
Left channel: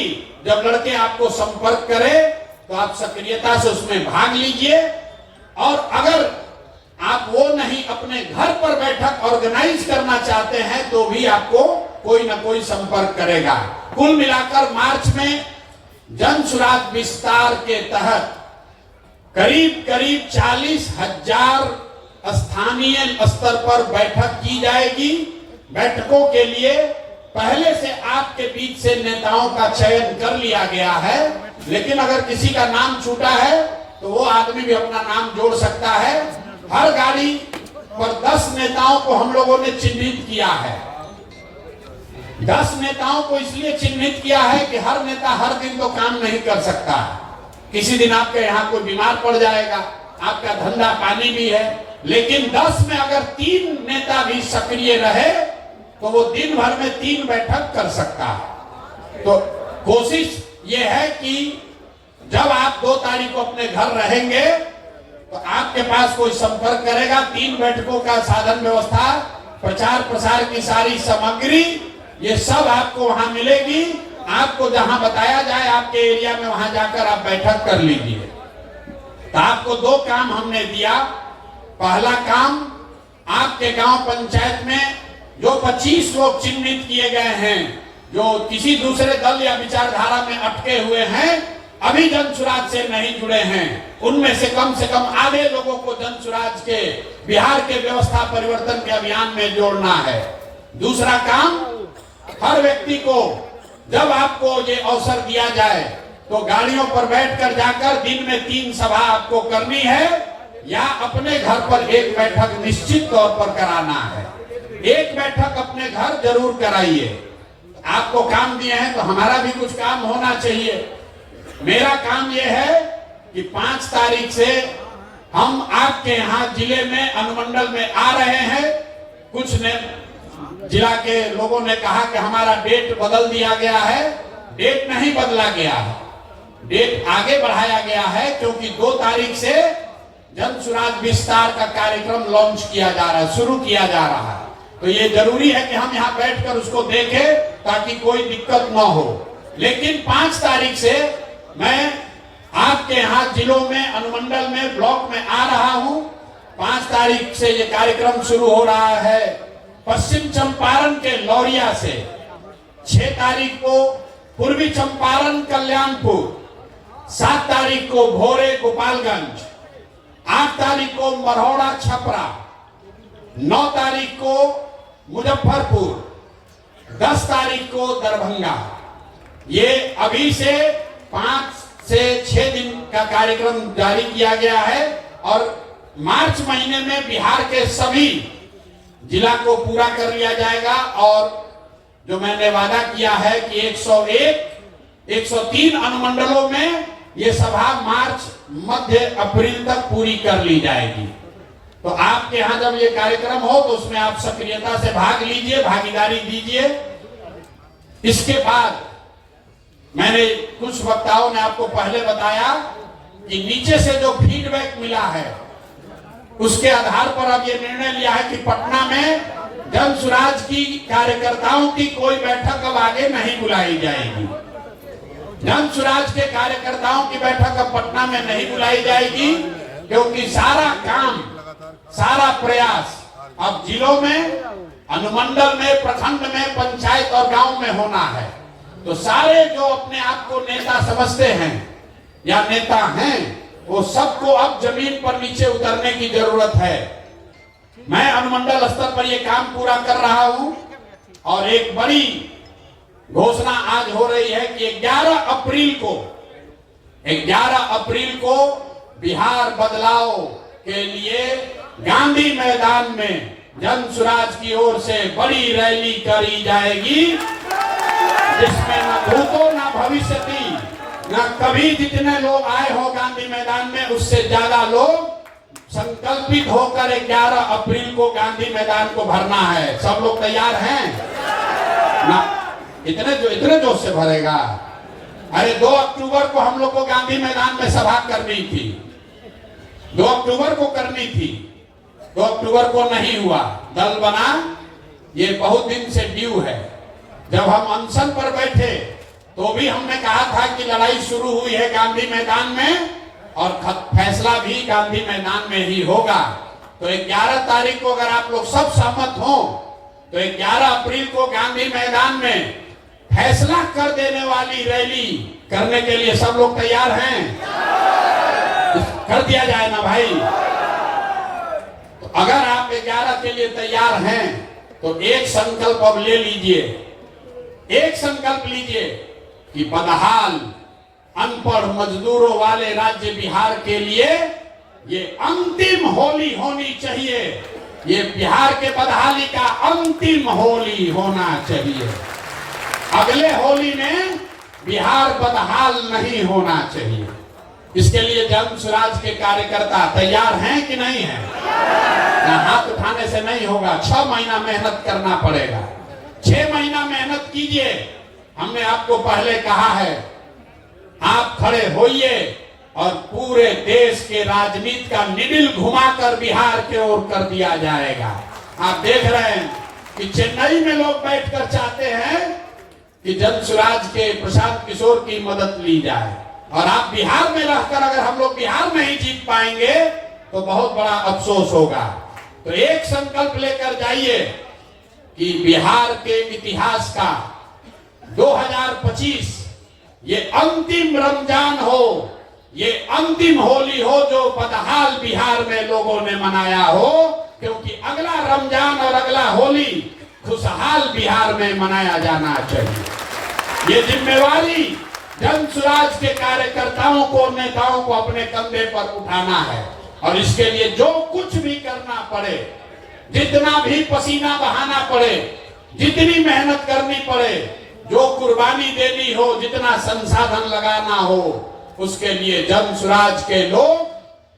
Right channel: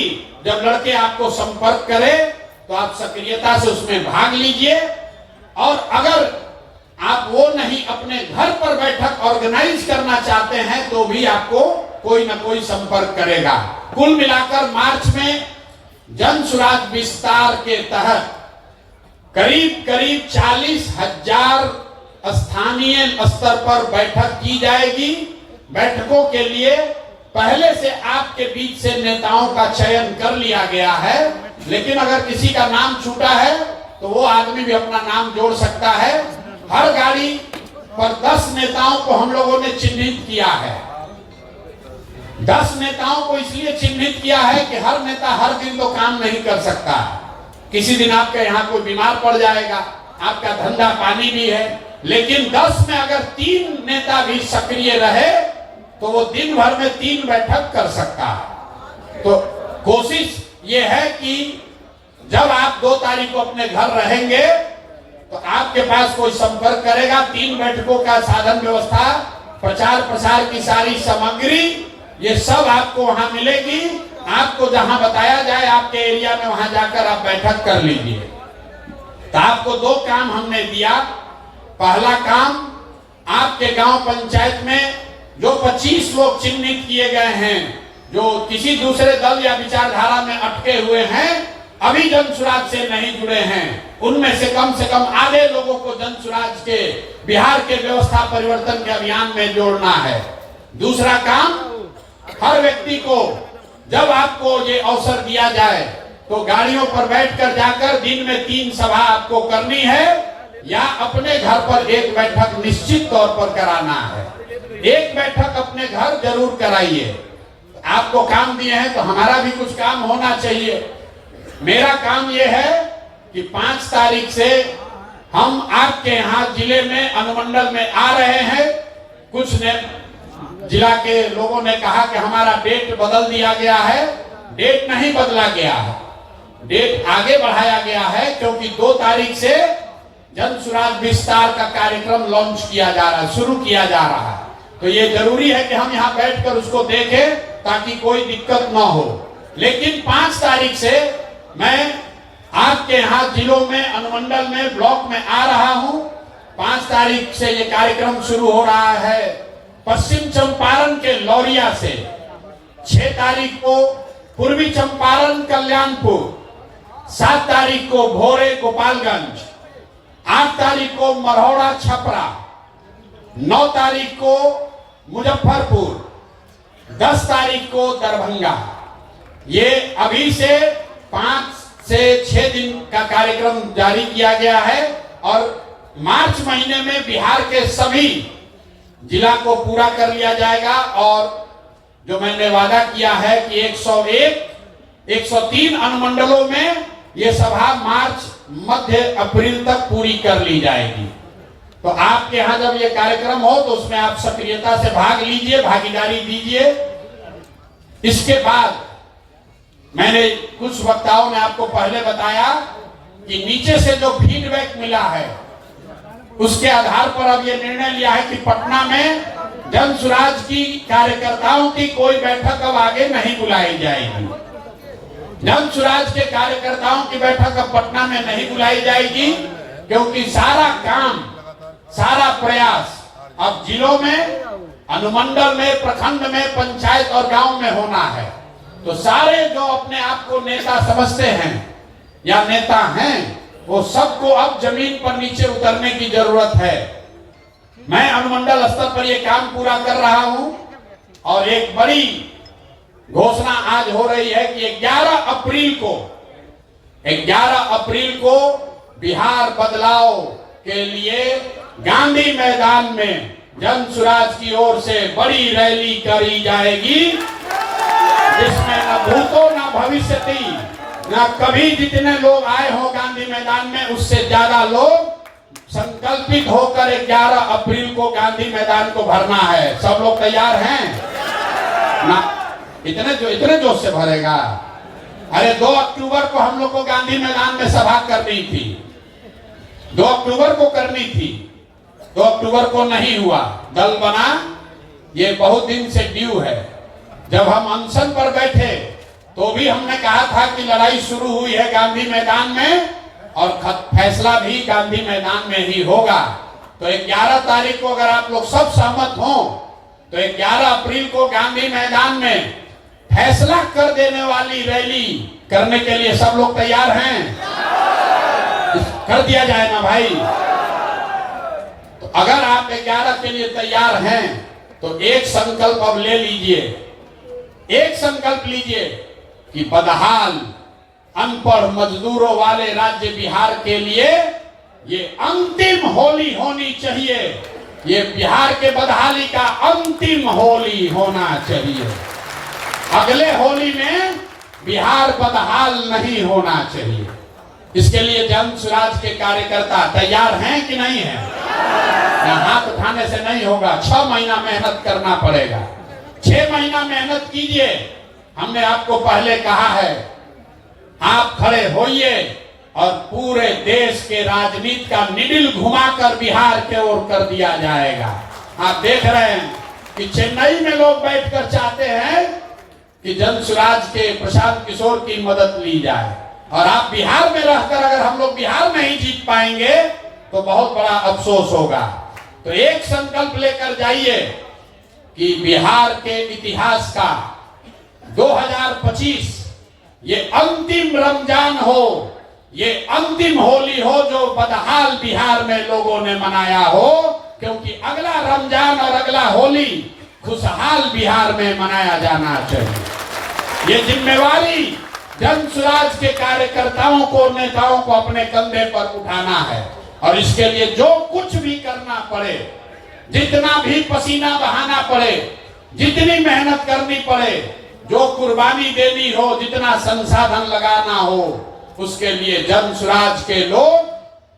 जब लड़के आपको संपर्क करें तो आप सक्रियता से उसमें भाग लीजिए। और अगर आप वो नहीं अपने घर पर बैठक ऑर्गेनाइज करना चाहते हैं तो भी आपको कोई ना कोई संपर्क करेगा। कुल मिलाकर मार्च में जन सुराज विस्तार के तहत करीब करीब 40,000 स्थानीय स्तर पर बैठक की जाएगी। बैठकों के लिए पहले से आपके बीच से नेताओं का चयन कर लिया गया है, लेकिन अगर किसी का नाम छूटा है तो वो आदमी भी अपना नाम जोड़ सकता है। हर गाड़ी पर 10 नेताओं को हम लोगों ने चिन्हित किया है। 10 नेताओं को इसलिए चिन्हित किया है कि हर नेता हर दिन तो काम नहीं कर सकता। किसी दिन आपके यहाँ कोई बीमार पड़ जाएगा, आपका धंधा पानी भी है, लेकिन 10 में अगर 3 नेता भी सक्रिय रहे तो वो दिन भर में 3 बैठक कर सकता है। तो कोशिश ये है कि जब आप 2 तारीख को अपने घर रहेंगे तो आपके पास कोई संपर्क करेगा। 3 बैठकों का साधन व्यवस्था, प्रचार प्रसार की सारी सामग्री, ये सब आपको वहां मिलेगी। आपको जहां बताया जाए आपके एरिया में वहां जाकर आप बैठक कर लीजिए। तो आपको 2 काम हमने दिया। पहला काम, आपके गांव पंचायत में जो 25 लोग चिन्हित किए गए हैं, जो किसी दूसरे दल या विचारधारा में अटके हुए हैं, अभी जन सुराज से नहीं जुड़े हैं, उनमें से कम आधे लोगों को जन सुराज के बिहार के व्यवस्था परिवर्तन के अभियान में जोड़ना है। दूसरा काम, हर व्यक्ति को जब आपको ये अवसर दिया जाए तो गाड़ियों पर बैठकर जाकर दिन में 3 सभा आपको करनी है या अपने घर पर एक बैठक निश्चित तौर पर कराना है। एक बैठक अपने घर जरूर कराइए। आपको काम दिए हैं तो हमारा भी कुछ काम होना चाहिए। मेरा काम यह है कि 5 तारीख से हम आपके यहाँ जिले में अनुमंडल में आ रहे हैं। कुछ ने जिला के लोगों ने कहा कि हमारा डेट बदल दिया गया है। डेट नहीं बदला गया है, डेट आगे बढ़ाया गया है, क्योंकि 2 तारीख से जन सुराज विस्तार का कार्यक्रम लॉन्च किया जा रहा है, शुरू किया जा रहा है। तो ये जरूरी है कि हम यहाँ बैठकर उसको देखें ताकि कोई दिक्कत ना हो। लेकिन 5 तारीख से मैं आपके यहाँ जिलों में, अनुमंडल में, ब्लॉक में आ रहा हूँ। 5 तारीख से ये कार्यक्रम शुरू हो रहा है पश्चिम चंपारण के लौरिया से। 6 तारीख को पूर्वी चंपारण कल्याणपुर, 7 तारीख को भोरे गोपालगंज, 8 तारीख को मरौड़ा छपरा, 9 तारीख को मुजफ्फरपुर, 10 तारीख को दरभंगा। ये अभी से 5 से 6 दिन का कार्यक्रम जारी किया गया है और मार्च महीने में बिहार के सभी जिला को पूरा कर लिया जाएगा। और जो मैंने वादा किया है कि 103 अनुमंडलों में ये सभा मार्च मध्य अप्रैल तक पूरी कर ली जाएगी। तो आपके यहाँ जब ये कार्यक्रम हो तो उसमें आप सक्रियता से भाग लीजिए, भागीदारी दीजिए। इसके बाद मैंने कुछ वक्ताओं ने आपको पहले बताया कि नीचे से जो फीडबैक मिला है उसके आधार पर अब ये निर्णय लिया है कि पटना में जन सुराज की कार्यकर्ताओं की कोई बैठक अब आगे नहीं बुलाई जाएगी। जन सुराज के कार्यकर्ताओं की बैठक अब पटना में नहीं बुलाई जाएगी, क्योंकि सारा काम, सारा प्रयास अब जिलों में, अनुमंडल में, प्रखंड में, पंचायत और गांव में होना है। तो सारे जो अपने आप को नेता समझते हैं या नेता हैं, वो सबको अब जमीन पर नीचे उतरने की जरूरत है। मैं अनुमंडल स्तर पर ये काम पूरा कर रहा हूं और एक बड़ी घोषणा आज हो रही है कि 11 अप्रैल को बिहार बदलाव के लिए गांधी मैदान में जन सुराज की ओर से बड़ी रैली करी जाएगी, जिसमें न भूतो न भविष्यति, न कभी जितने लोग आए हो गांधी मैदान में उससे ज्यादा लोग संकल्पित होकर 11 अप्रैल को गांधी मैदान को भरना है। सब लोग तैयार हैं ना? इतने जोश से भरेगा। अरे 2 अक्टूबर को हम लोग को गांधी मैदान में सभा करनी थी, 2 अक्टूबर को करनी थी, 2 अक्टूबर को नहीं हुआ। दल बना, ये बहुत दिन से ड्यू है। जब हम अनशन पर बैठे तो भी हमने कहा था कि लड़ाई शुरू हुई है गांधी मैदान में और फैसला भी गांधी मैदान में ही होगा। तो 11 तारीख को अगर आप लोग सब सहमत हो तो 11 अप्रैल को गांधी मैदान में फैसला कर देने वाली रैली करने के लिए सब लोग तैयार हैं? कर दिया जाए ना भाई। तो अगर आप 11 के लिए तैयार हैं तो एक संकल्प अब ले लीजिए, एक संकल्प लीजिए कि बदहाल अनपढ़ मजदूरों वाले राज्य बिहार के लिए ये अंतिम होली होनी चाहिए। ये बिहार के बदहाली का अंतिम होली होना चाहिए। अगले होली में बिहार बदहाल नहीं होना चाहिए। इसके लिए जन स्वराज के कार्यकर्ता तैयार हैं कि नहीं है? हाथ उठाने से नहीं होगा, 6 महीना मेहनत करना पड़ेगा। 6 महीना मेहनत कीजिए। हमने आपको पहले कहा है, आप खड़े होइए और पूरे देश के राजनीति का निडिल घुमाकर बिहार के ओर कर दिया जाएगा। आप देख रहे हैं कि चेन्नई में लोग बैठकर चाहते हैं कि जन स्वराज के प्रशांत किशोर की मदद ली जाए, और आप बिहार में रहकर अगर हम लोग बिहार में ही जीत पाएंगे तो बहुत बड़ा अफसोस होगा। तो एक संकल्प लेकर जाइए कि बिहार के इतिहास का 2025 ये अंतिम रमजान हो, ये अंतिम होली हो जो बदहाल बिहार में लोगों ने मनाया हो, क्योंकि अगला रमजान और अगला होली खुशहाल बिहार में मनाया जाना चाहिए। ये जिम्मेवारी जन स्वराज के कार्यकर्ताओं को, नेताओं को अपने कंधे पर उठाना है, और इसके लिए जो कुछ भी करना पड़े, जितना भी पसीना बहाना पड़े, जितनी मेहनत करनी पड़े, जो कुर्बानी देनी हो, जितना संसाधन लगाना हो, उसके लिए जन स्वराज के लोग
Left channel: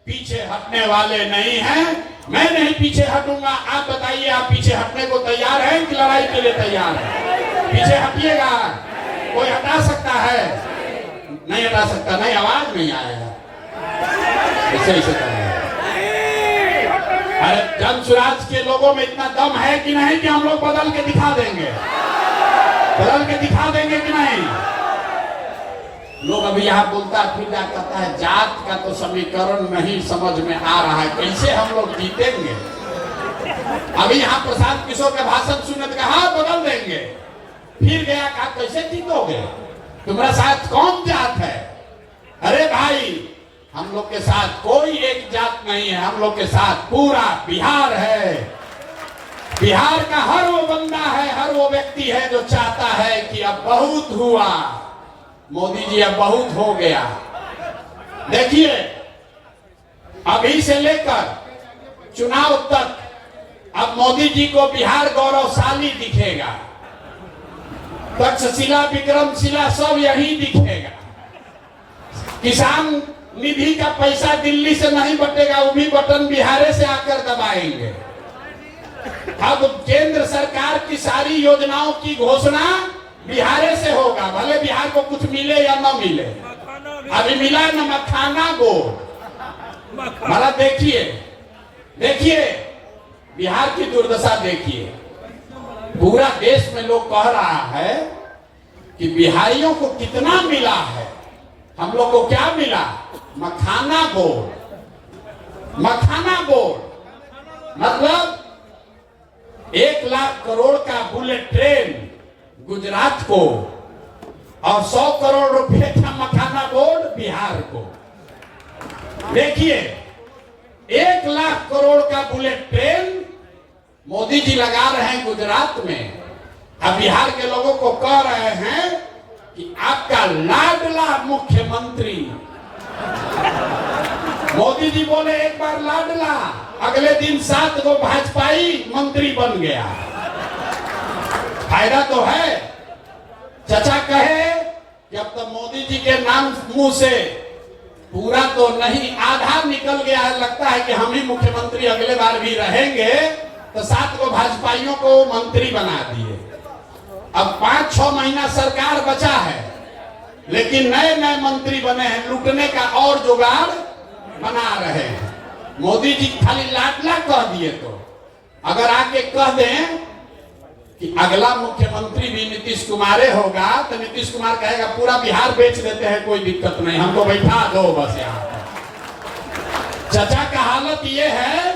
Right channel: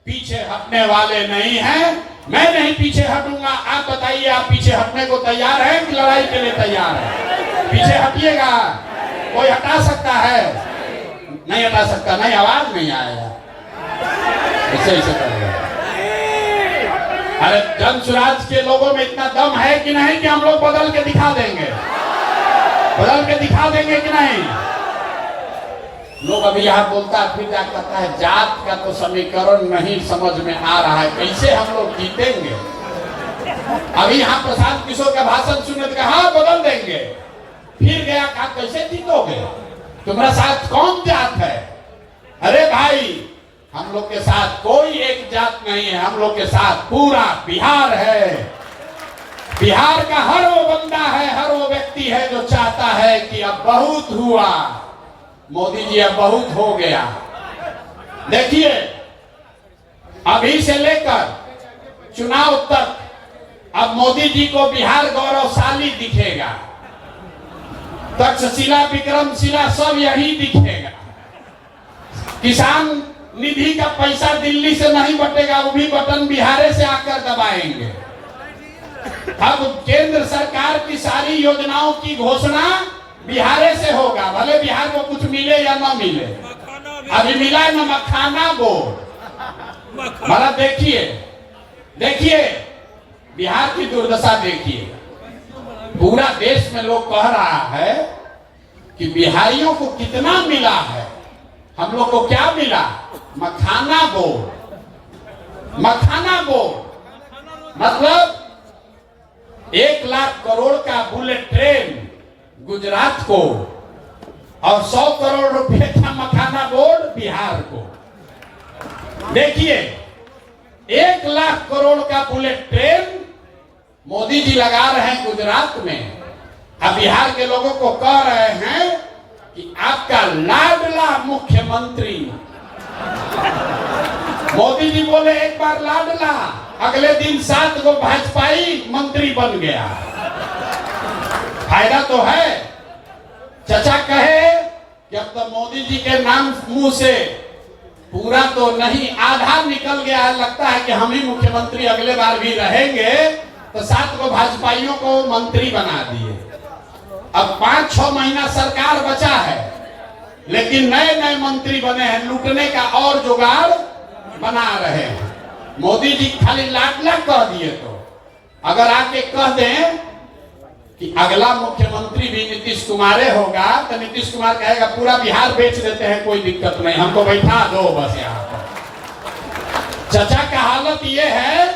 पीछे हटने वाले नहीं हैं। मैं नहीं पीछे हटूंगा। आप बताइए, आप पीछे हटने को तैयार हैं कि लड़ाई के लिए तैयार हैं? पीछे हटिएगा। कोई हटा सकता है? नहीं हटा सकता। नहीं, आवाज नहीं आएगा। ऐसे करेंगे। अरे जन स्वराज के लोगों में इतना दम है कि नहीं कि हम लोग बदल के दिखा देंगे? बदल के दिखा देंगे कि नहीं? लोग अभी यहाँ बोलता फिर क्या कहता है, जात का तो समीकरण नहीं समझ में आ रहा है, कैसे हम लोग जीतेंगे? अभी यहाँ प्रशांत किशोर का भाषण सुनने तो कहा बदल देंगे, फिर गया कहा कैसे जीतोगे? तुम्हारा साथ कौन जात है? अरे भाई, हम लोग के साथ कोई एक जात नहीं है, हम लोग के साथ पूरा बिहार है। बिहार का हर वो बंदा है, हर वो व्यक्ति है जो चाहता है कि अब बहुत हुआ, मोदी जी अब बहुत हो गया। देखिए, अभी से लेकर चुनाव तक अब मोदी जी को बिहार गौरवशाली दिखेगा। तक्षशिला, विक्रमशिला सब यही दिखेगा। किसान निधि का पैसा दिल्ली से नहीं बटेगा, वो भी बटन बिहार से आकर दबाएंगे। अब केंद्र सरकार की सारी योजनाओं की घोषणा बिहार से होगा, भले बिहार को कुछ मिले या न मिले। अभी मिला न मखाना बोर्ड। भला देखिए, देखिए बिहार की दुर्दशा देखिए। पूरा देश में लोग कह रहा है कि बिहारियों को कितना मिला है, हम लोग को क्या मिला? मखाना बोर्ड। मखाना बोर्ड मतलब 1 लाख करोड़ का बुलेट ट्रेन गुजरात को, और 100 करोड़ रुपए का मखाना बोर्ड बिहार को। देखिए, 1 लाख करोड़ का बुलेट ट्रेन मोदी जी लगा रहे हैं गुजरात में। अब बिहार के लोगों को कह रहे हैं कि आपका लाडला मुख्यमंत्री, मोदी जी बोले एक बार लाडला, अगले दिन 7 को भाजपाई मंत्री बन गया। फायदा तो है। चचा कहे कि अब तो मोदी जी के नाम मुंह से पूरा तो नहीं, आधा निकल गया है, लगता है कि हम ही मुख्यमंत्री अगले बार भी रहेंगे, तो 7 को भाजपाइयों को मंत्री बना दिए। अब 5-6 महीना सरकार बचा है, लेकिन नए नए मंत्री बने हैं, लूटने का और जुगाड़ बना रहे हैं। मोदी जी खाली लाडला कह दिए, तो अगर आके कह दें कि अगला मुख्यमंत्री भी नीतीश कुमार होगा तो नीतीश कुमार कहेगा पूरा बिहार बेच देते हैं, कोई दिक्कत नहीं, हमको बैठा दो बस यहाँ पर। चाचा का हालत ये है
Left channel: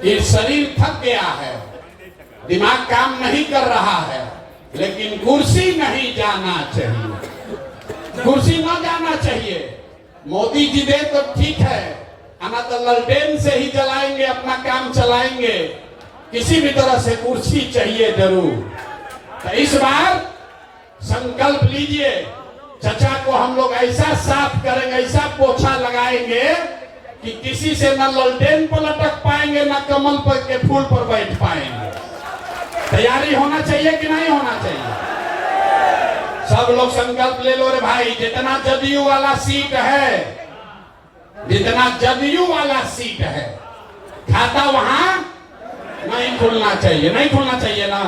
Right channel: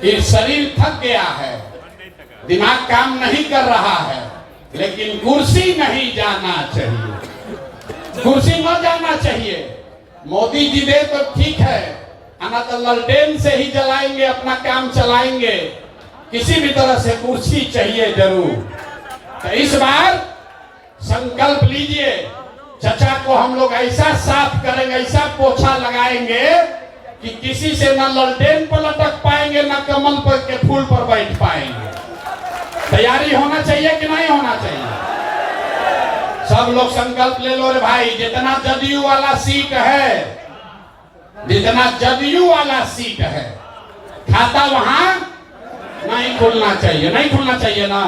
कि शरीर थक गया है, दिमाग काम नहीं कर रहा है, लेकिन कुर्सी नहीं जाना चाहिए, कुर्सी न जाना चाहिए। मोदी जी दे तो ठीक है, आना तो ललटेन से ही जलाएंगे, अपना काम चलाएंगे, किसी भी तरह से कुर्सी चाहिए जरूर। तो इस बार संकल्प लीजिए, चचा को हम लोग ऐसा साफ करेंगे, ऐसा पोछा लगाएंगे कि किसी से न ललटेन पर लटक पाएंगे, न कमल पर के फूल पर बैठ पाएंगे। तैयारी होना चाहिए कि नहीं होना चाहिए? सब लोग संकल्प ले लो रे भाई। जितना जदयू वाला सीट है, जितना जदयू वाला सीट है, खाता वहां नहीं खुलना चाहिए, नहीं खुलना चाहिए ना।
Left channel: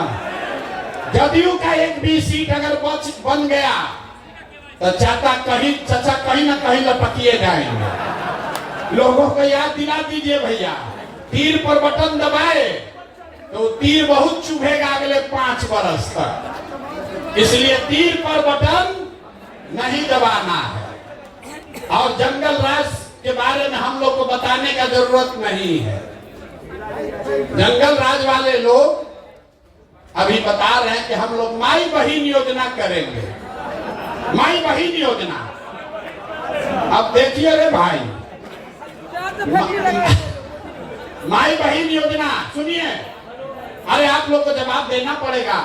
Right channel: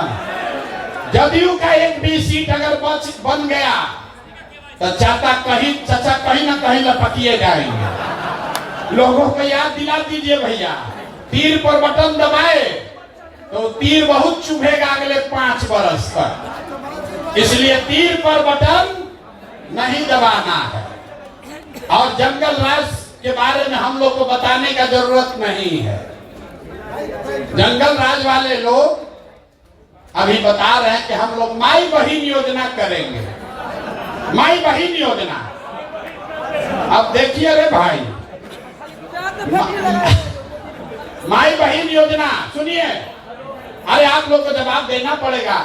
जदयू का एक भी सीट अगर बन गया तो चाचा कहीं ना कहीं लपकिए जाएंगे। लोगों को याद दिला दीजिए भैया, तीर पर बटन दबाए तो तीर बहुत चुभेगा अगले 5 वर्ष तक, इसलिए तीर पर बटन नहीं दबाना है। और जंगल राज के बारे में हम लोग को बताने का जरूरत नहीं है। जंगल राज वाले लोग अभी बता रहे हैं कि हम लोग माई बहिन योजना करेंगे, माई बहिन योजना। अब देखिए रे भाई, माई बहिन योजना सुनिए, अरे आप लोग को जवाब देना पड़ेगा।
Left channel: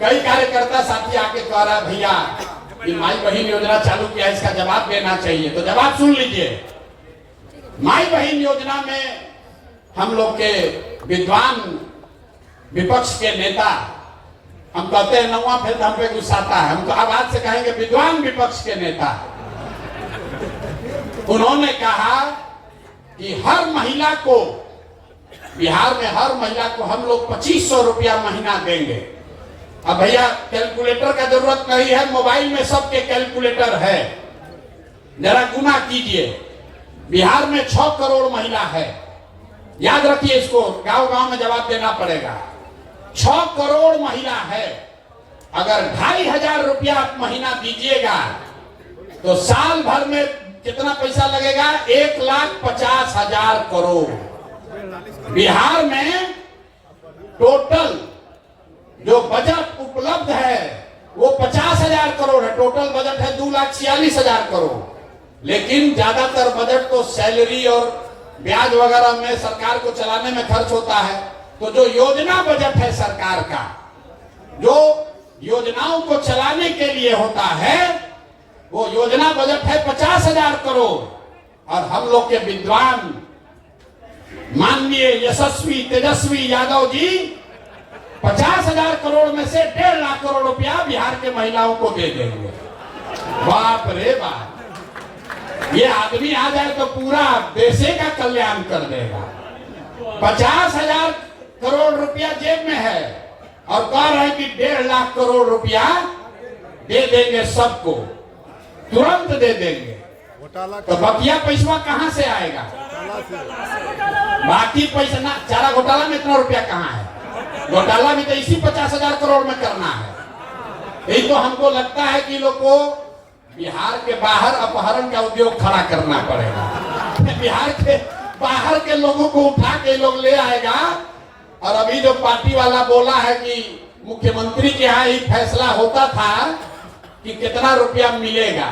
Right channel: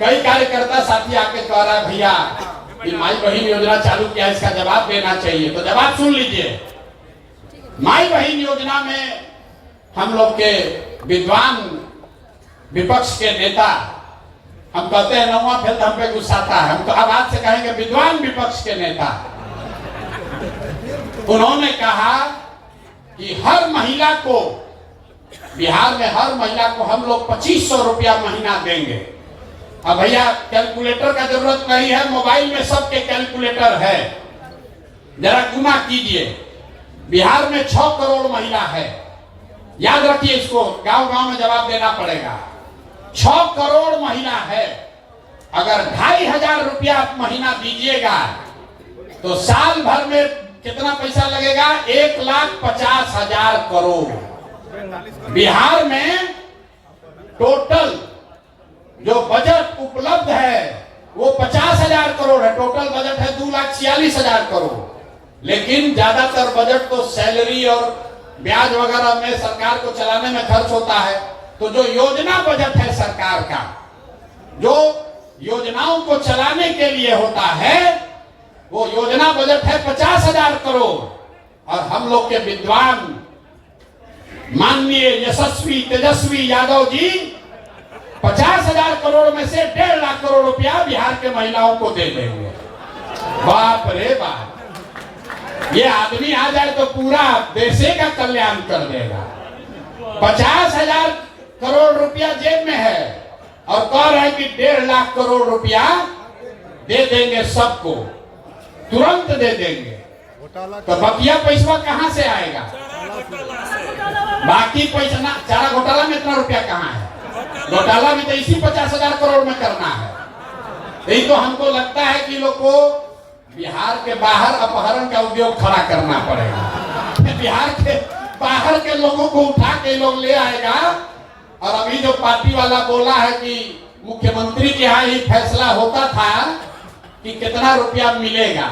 कई कार्यकर्ता साथी आके कह रहा है भैया कि माई बहिन योजना चालू किया, इसका जवाब देना चाहिए। तो जवाब सुन लीजिए। माई बहिन योजना में हम लोग के विद्वान विपक्ष के नेता, हम कहते हैं नौवां फिर हम पे गुस्साता है, हम तो आवाज से कहेंगे विद्वान विपक्ष के नेता, उन्होंने कहा कि हर महिला को, बिहार में हर महिला को हम लोग 2500 रुपया महीना देंगे। अब भैया कैलकुलेटर का जरूरत नहीं है, मोबाइल में सबके कैलकुलेटर है, जरा गुना कीजिए। बिहार में 6 करोड़ महिला है, याद रखिए इसको, गांव गांव में जवाब देना पड़ेगा। 6 करोड़ महिला है, अगर 2500 रुपया आप महीना दीजिएगा तो साल भर में कितना पैसा लगेगा? 1,50,000 करोड़। बिहार में टोटल जो बजट उपलब्ध है वो 50,000 करोड़ है, टोटल बजट है 2,46,000 करोड़। लेकिन ज्यादातर बजट तो सैलरी और ब्याज वगैरह में सरकार को चलाने में खर्च होता है। तो जो योजना बजट है सरकार का, जो योजनाओं को चलाने के लिए होता है, वो योजना बजट है 50,000 करोड़। और हम लोग के विद्वान माननीय यशस्वी तेजस्वी यादव जी 50,000 करोड़ में से 1.5 लाख करोड़ रुपया बिहार के महिलाओं को दे देंगे। बाप रे बाप, ये आदमी आ जाए तो पूरा देश का कल्याण कर देगा। 50,000 करोड़ रुपया जेब में है और कह रहे हैं कि 1.5 लाख करोड़ रुपया दे देंगे सबको, तुरंत दे देंगे। तो बकिया पैसा कहां से आएगा? बाकी पैसा ना, चारा घोटाला में इतना रुपया कहां है? घोटाला भी तो इसी 50,000 करोड़ में करना है। यही तो हमको लगता है कि लोग को बिहार के बाहर अपहरण का उद्योग खड़ा करना पड़ेगा। बिहार के बाहर के लोगों को उठा के लोग ले आएगा। और अभी जो पार्टी वाला बोला है कि मुख्यमंत्री के यहाँ ही फैसला होता था कि कितना रुपया मिलेगा,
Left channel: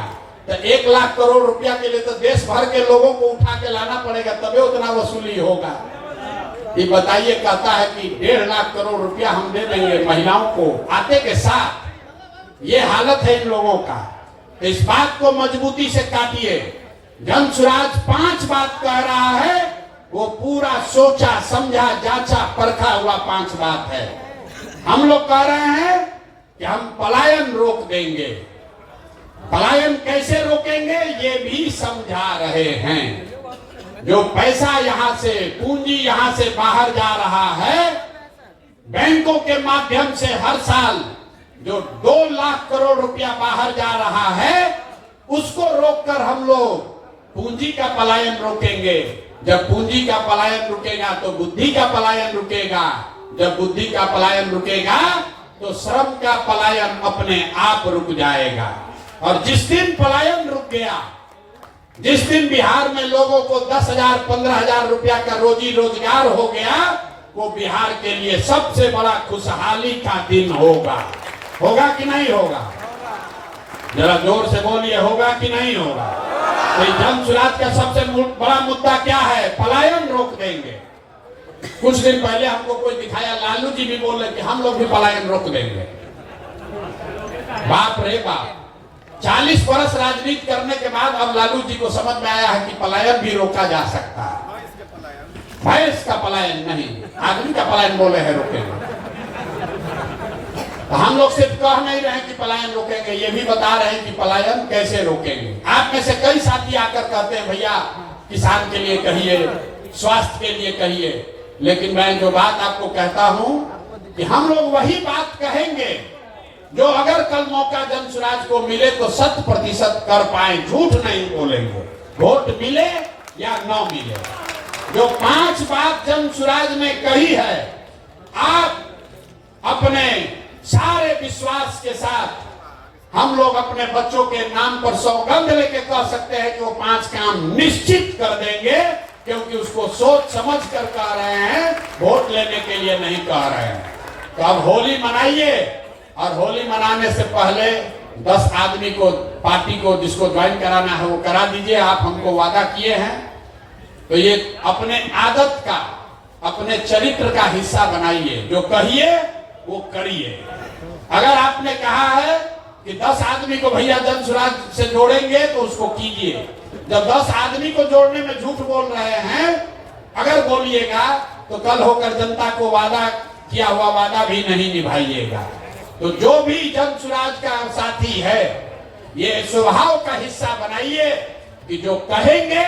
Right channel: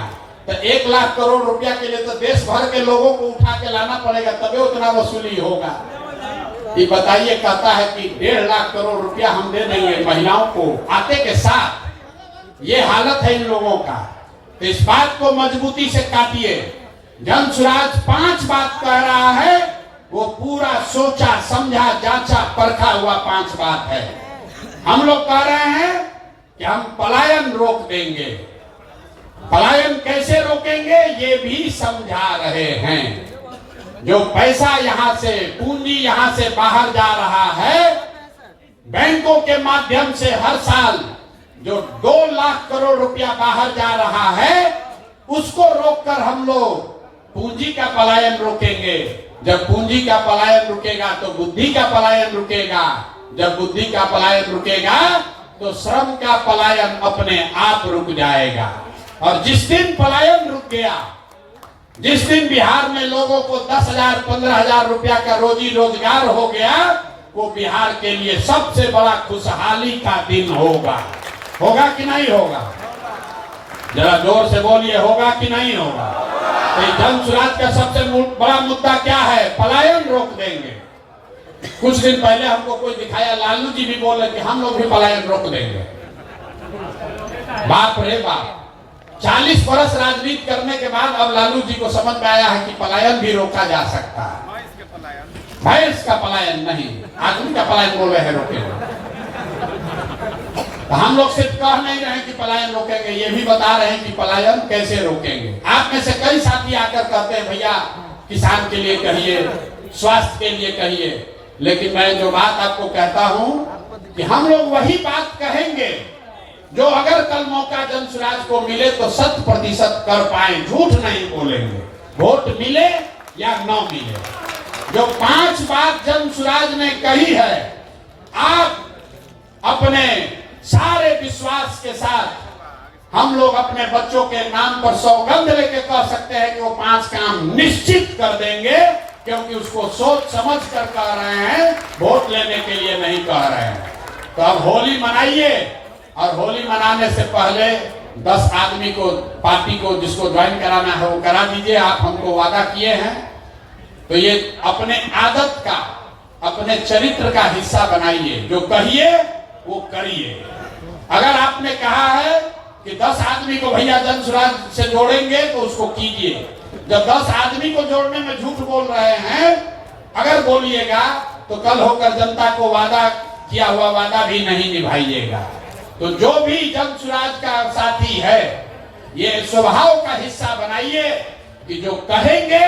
तो 1 लाख करोड़ रुपया के लिए तो देश भर के लोगों को उठा के लाना पड़ेगा, तभी उतना वसूली होगा। ये बताइए, कहता है कि 1.5 लाख करोड़ रुपया हम दे देंगे महिलाओं को आते के साथ। ये हालत है इन लोगों का। तो इस बात को मजबूती से काटिए। जनसुराज 5 बात कह रहा है, वो पूरा सोचा समझा जांचा परखा हुआ 5 बात है। हम लोग कह रहे हैं कि हम पलायन रोक देंगे। पलायन कैसे रोकेंगे ये भी समझा रहे हैं। जो पैसा यहां से, पूंजी यहां से बाहर जा रहा है, बैंकों के माध्यम से हर साल जो 2 लाख करोड़ रुपया बाहर जा रहा है, उसको रोककर हम लोग पूंजी का पलायन रोकेंगे। जब पूंजी का पलायन रुकेगा तो बुद्धि का पलायन रुकेगा, जब बुद्धि का पलायन रुकेगा तो श्रम का पलायन अपने आप रुक जाएगा। और जिस दिन पलायन रुक गया, जिस दिन बिहार में लोगों को 10,000 15,000 रुपया का रोजी रोजगार हो गया, वो बिहार के लिए सबसे बड़ा खुशहाली का दिन होगा। होगा कि नहीं होगा? जरा जोर से बोलिए, होगा कि नहीं होगा? तो जन सुराज का सबसे बड़ा मुद्दा क्या है? पलायन रोक देंगे। कुछ दिन पहले हमको कोई दिखाया, लालू जी भी बोल रहे कि हम लोग भी पलायन रोक देंगे। बाप रे बाप, 40 वर्ष राजनीति करने के बाद अब लालू जी को समझ में आया है कि पलायन भी रोका जा सकता है। भैंस का पलायन नहीं, आदमी का पलायन बोले हैं रोकेंगे। तो हम लोग सिर्फ कह नहीं रहे कि पलायन रोकेंगे, ये भी बता रहे हैं कि पलायन कैसे रोकेंगे। आप में से कई साथी आकर कहते हैं भैया किसान के लिए कहिए, स्वास्थ्य के लिए कहिए, लेकिन मैं जो बात आपको कहता हूं कि हम लोग वही बात कहेंगे जो अगर कल मौका जन सुराज को मिले तो 100% कर पाए, झूठ नहीं बोलेंगे। वोट मिले या न मिले, जो 5 बात जन सुराज ने कही है, आप अपने सारे विश्वास के साथ हम लोग अपने बच्चों के नाम पर सौगंध लेके कह सकते हैं कि वो 5 काम निश्चित कर देंगे, क्योंकि उसको सोच समझ कर कह रहे हैं, वोट लेने के लिए नहीं कह रहे हैं। तो अब होली मनाइए, और होली मनाने से पहले 10 आदमी को, पार्टी को जिसको ज्वाइन कराना है वो करा दीजिए। आप हमको वादा किए हैं, तो ये अपने आदत का, अपने चरित्र का हिस्सा बनाइए। जो कहिए वो करिए। अगर आपने कहा है कि 10 आदमी को भैया जन सुराज से जोड़ेंगे तो उसको कीजिए। जब 10 आदमी को जोड़ने में झूठ बोल रहे हैं, अगर बोलिएगा तो कल होकर जनता को वादा किया हुआ वादा भी नहीं निभाइएगा। तो जो भी जन सुराज का साथी है, ये स्वभाव का हिस्सा बनाइए कि जो कहेंगे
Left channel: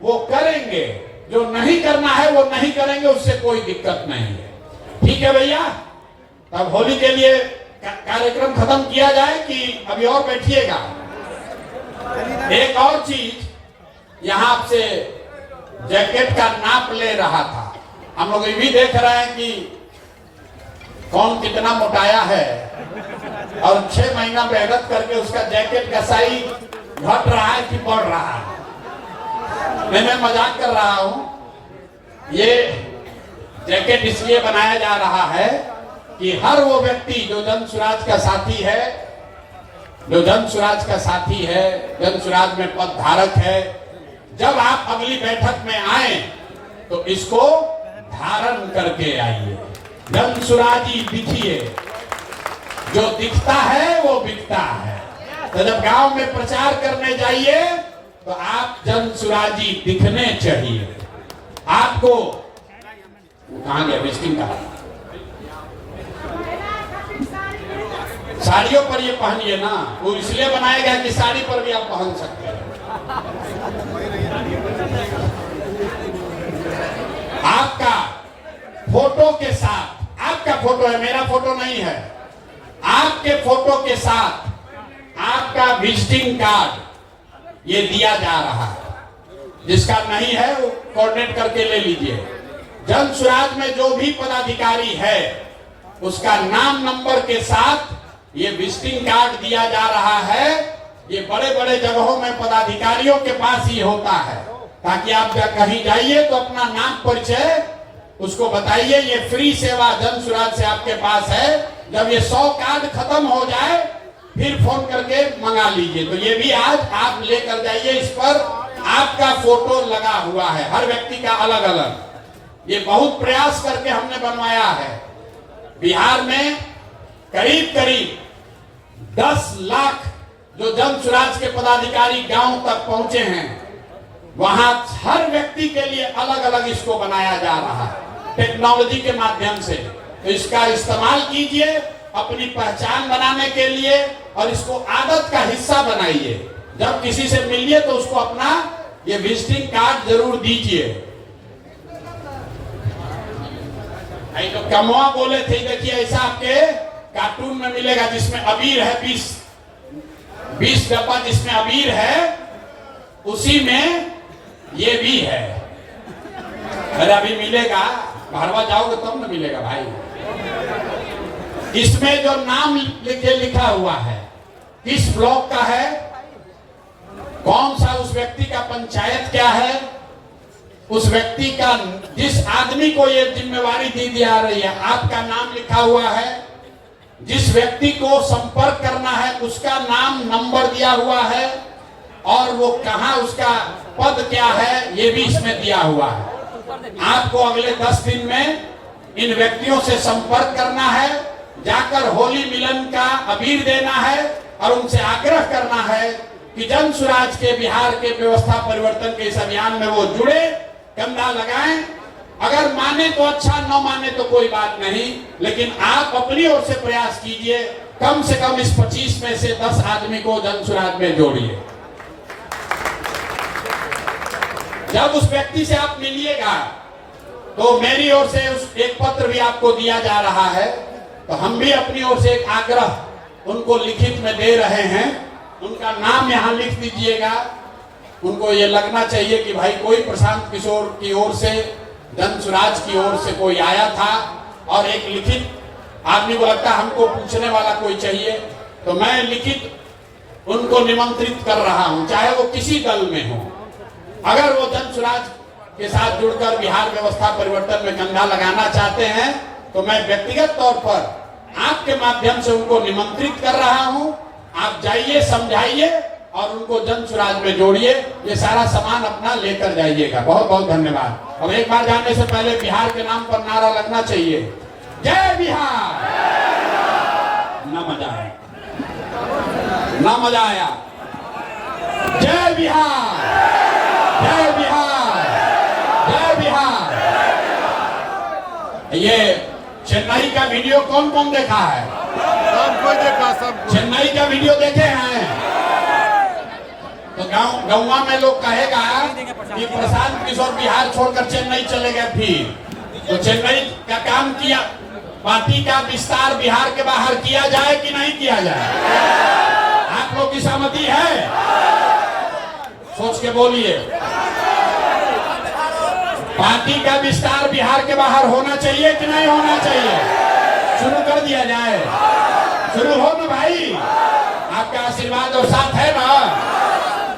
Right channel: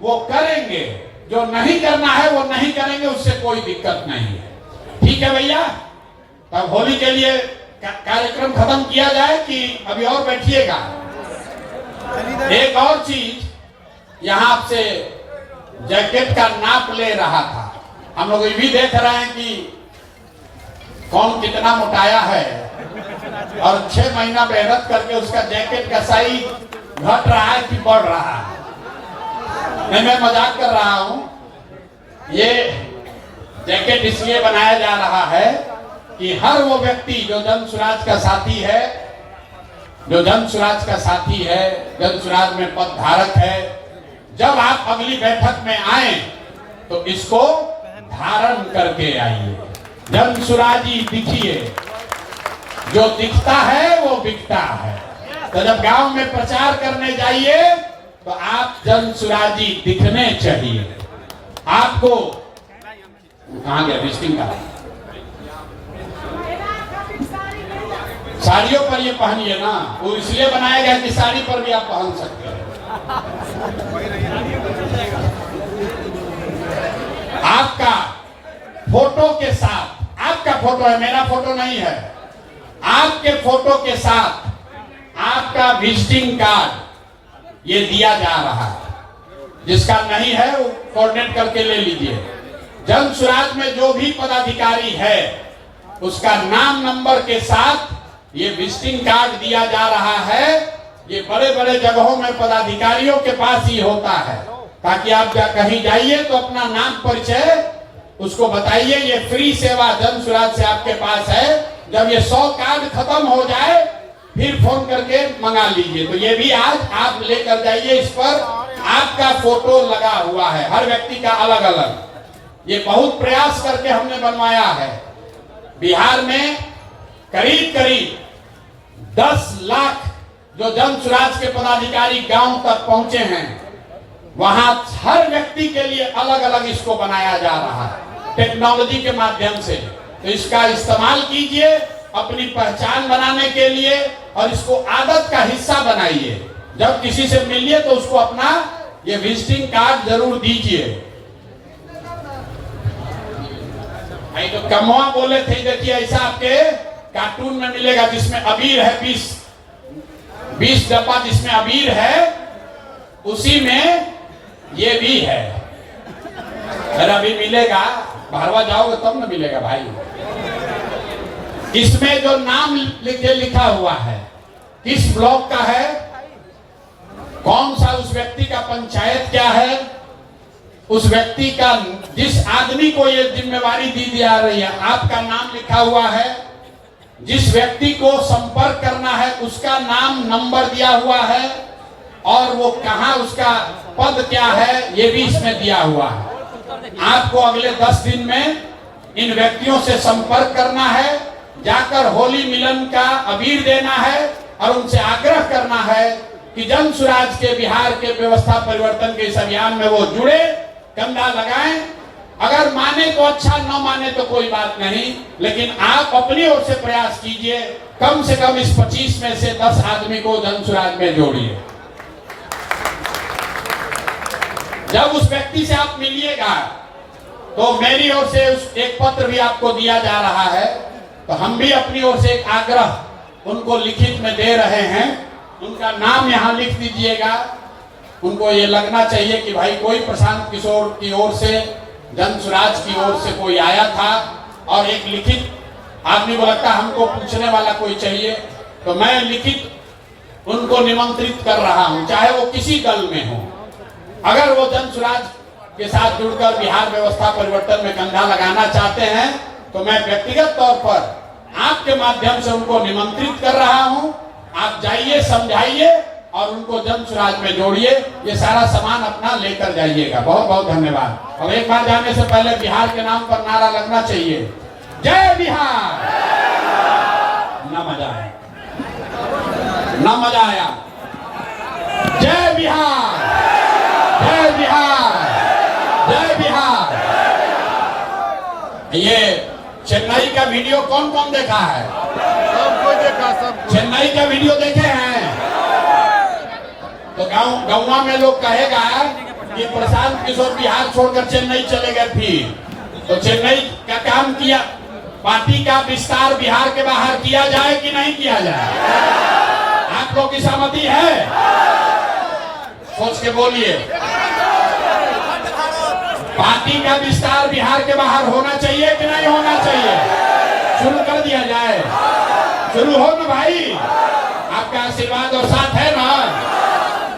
वो करेंगे, जो नहीं करना है वो नहीं करेंगे, उससे कोई दिक्कत नहीं है। ठीक है भैया? तब होली के लिए कार्यक्रम खत्म किया जाए कि अभी और बैठिएगा? एक और चीज, यहाँ आपसे जैकेट का नाप ले रहा था। हम लोग ये भी देख रहे हैं कि कौन कितना मोटाया है, और 6 महीना मेहनत करके उसका जैकेट का साइज घट रहा है कि बढ़ रहा है। मैं मजाक कर रहा हूं। ये जैकेट इसलिए बनाया जा रहा है कि हर वो व्यक्ति जो जन सुराज का साथी है, जो जन सुराज का साथी है, जन सुराज में पद धारक है, जब आप अगली बैठक में आए तो इसको धारण करके आइए। जन सुराजी दिखिए, जो दिखता है वो बिकता है। तो जब गांव में प्रचार करने जाइए तो आप जन सुराजी दिखने चाहिए। आपको कहां गया विजिटिंग का? साड़ियों पर ये पहनिए ना, वो इसलिए बनाया गया कि साड़ी पर भी आप पहन सकते हैं। आपका फोटो के साथ, आपका फोटो है, मेरा फोटो नहीं है, आपके फोटो के साथ आपका विजिटिंग कार्ड ये दिया जा रहा है। जिसका नहीं है वो कोऑर्डिनेट करके ले लीजिए। जन सुराज में जो भी पदाधिकारी है उसका नाम नंबर के साथ ये विजिटिंग कार्ड दिया जा रहा है। ये बड़े बड़े जगहों में पदाधिकारियों के पास ही होता है, ताकि आप कहीं जाइए तो अपना नाम परिचय उसको बताइए। ये फ्री सेवा जन सुराज से आपके पास है। जब ये 100 कार्ड खत्म हो जाए फिर फोन करके मंगा लीजिए। तो ये भी आज आप लेकर जाइए। इस पर आपका फोटो लगा हुआ है, हर व्यक्ति का अलग अलग। ये बहुत प्रयास करके हमने बनवाया है। बिहार में करीब करीब 10 लाख जो जन सुराज के पदाधिकारी गांव तक पहुंचे हैं, वहां हर व्यक्ति के लिए अलग अलग इसको बनाया जा रहा है टेक्नोलॉजी के माध्यम से। तो इसका इस्तेमाल कीजिए अपनी पहचान बनाने के लिए, और इसको आदत का हिस्सा बनाइए। जब किसी से मिलिए तो उसको अपना ये विजिटिंग कार्ड जरूर दीजिए। तो कमवा बोले थे, देखिए ऐसा आपके कार्टून में मिलेगा जिसमें अबीर है, 20 डब्बा जिसमें अबीर है, उसी में ये भी है। अरे अभी मिलेगा, बाहरवा जाओगे तब न मिलेगा भाई। इसमें जो नाम लिखा हुआ है किस ब्लॉक का है, कौन सा उस व्यक्ति का पंचायत क्या है, उस व्यक्ति का, जिस आदमी को ये जिम्मेवारी दी जा रही है, आपका नाम लिखा हुआ है, जिस व्यक्ति को संपर्क करना है उसका नाम नंबर दिया हुआ है, और वो कहां, उसका पद क्या है, ये भी इसमें दिया हुआ है। आपको अगले 10 दिन में इन व्यक्तियों से संपर्क करना है, जाकर होली मिलन का अबीर देना है और उनसे आग्रह करना है कि जन सुराज के बिहार के व्यवस्था परिवर्तन के इस अभियान में वो जुड़े, कंधा लगाएं। अगर माने तो अच्छा, न माने तो कोई बात नहीं, लेकिन आप अपनी ओर से प्रयास कीजिए, कम से कम इस 25 में से 10 आदमी को जन सुराज में जोड़िए। जब उस व्यक्ति से आप मिलिएगा तो मेरी ओर से उस एक पत्र भी आपको दिया जा रहा है, तो हम भी अपनी ओर से एक आग्रह उनको लिखित में दे रहे हैं। उनका नाम यहाँ लिख दीजिएगा। उनको ये लगना चाहिए कि भाई कोई प्रशांत किशोर की ओर से, जन सुराज की ओर से कोई आया था, और एक लिखित, आदमी को लगता है हमको पूछने वाला कोई चाहिए, तो मैं लिखित उनको निमंत्रित कर रहा हूं, चाहे वो किसी दल में हो। अगर वो जन सुराज के साथ जुड़कर बिहार व्यवस्था परिवर्तन में कंधा लगाना चाहते हैं, तो मैं व्यक्तिगत तौर पर आपके माध्यम से उनको निमंत्रित कर रहा हूं। आप जाइए, समझाइए और उनको जन सुराज में जोड़िए। ये सारा सामान अपना लेकर जाइएगा। बहुत बहुत धन्यवाद। अब एक बार जाने से पहले बिहार के नाम पर नारा लगना चाहिए, जय बिहार। ना मजा आया, ना मजा आया। जय बिहार, जय बिहार, जय बिहार। ये चेन्नई का वीडियो कौन कौन देखा है? कोई देखा सब। चेन्नई का वीडियो देखे हैं? तो गाँव में लोग कहेगा कि प्रशांत किशोर बिहार छोड़कर चेन्नई चले गए। फिर तो चेन्नई का काम किया, पार्टी का विस्तार बिहार के बाहर किया जाए कि नहीं किया जाए? आप लोग की सहमति है? सोच के बोलिए। पार्टी का विस्तार बिहार के बाहर होना चाहिए कि नहीं होना चाहिए? शुरू कर दिया जाए। शुरू हो ना भाई, आपका आशीर्वाद और साथ है ना?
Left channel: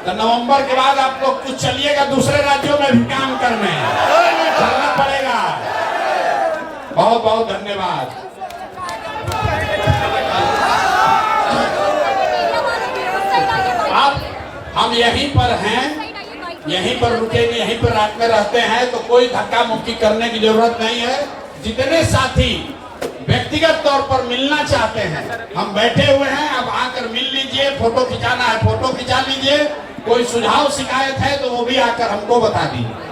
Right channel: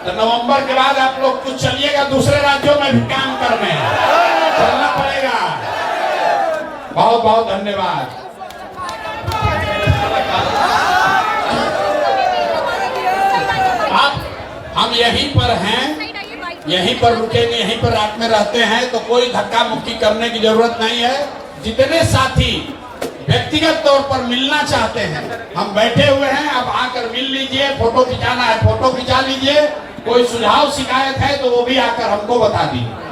तो नवंबर के बाद आप लोग कुछ चलिएगा, दूसरे राज्यों में भी काम करने चलना पड़ेगा। बहुत बहुत धन्यवाद। हम यहीं पर हैं, यहीं पर रुकेंगे, यहीं पर रात में रहते हैं, तो कोई धक्का मुक्की करने की जरूरत नहीं है। जितने साथी व्यक्तिगत तौर पर मिलना चाहते हैं, हम बैठे हुए हैं, अब आकर मिल लीजिए। फोटो खिंचाना है फोटो खिंचा लीजिए। कोई सुझाव शिकायत है तो वो भी आकर हमको बता दीजिए।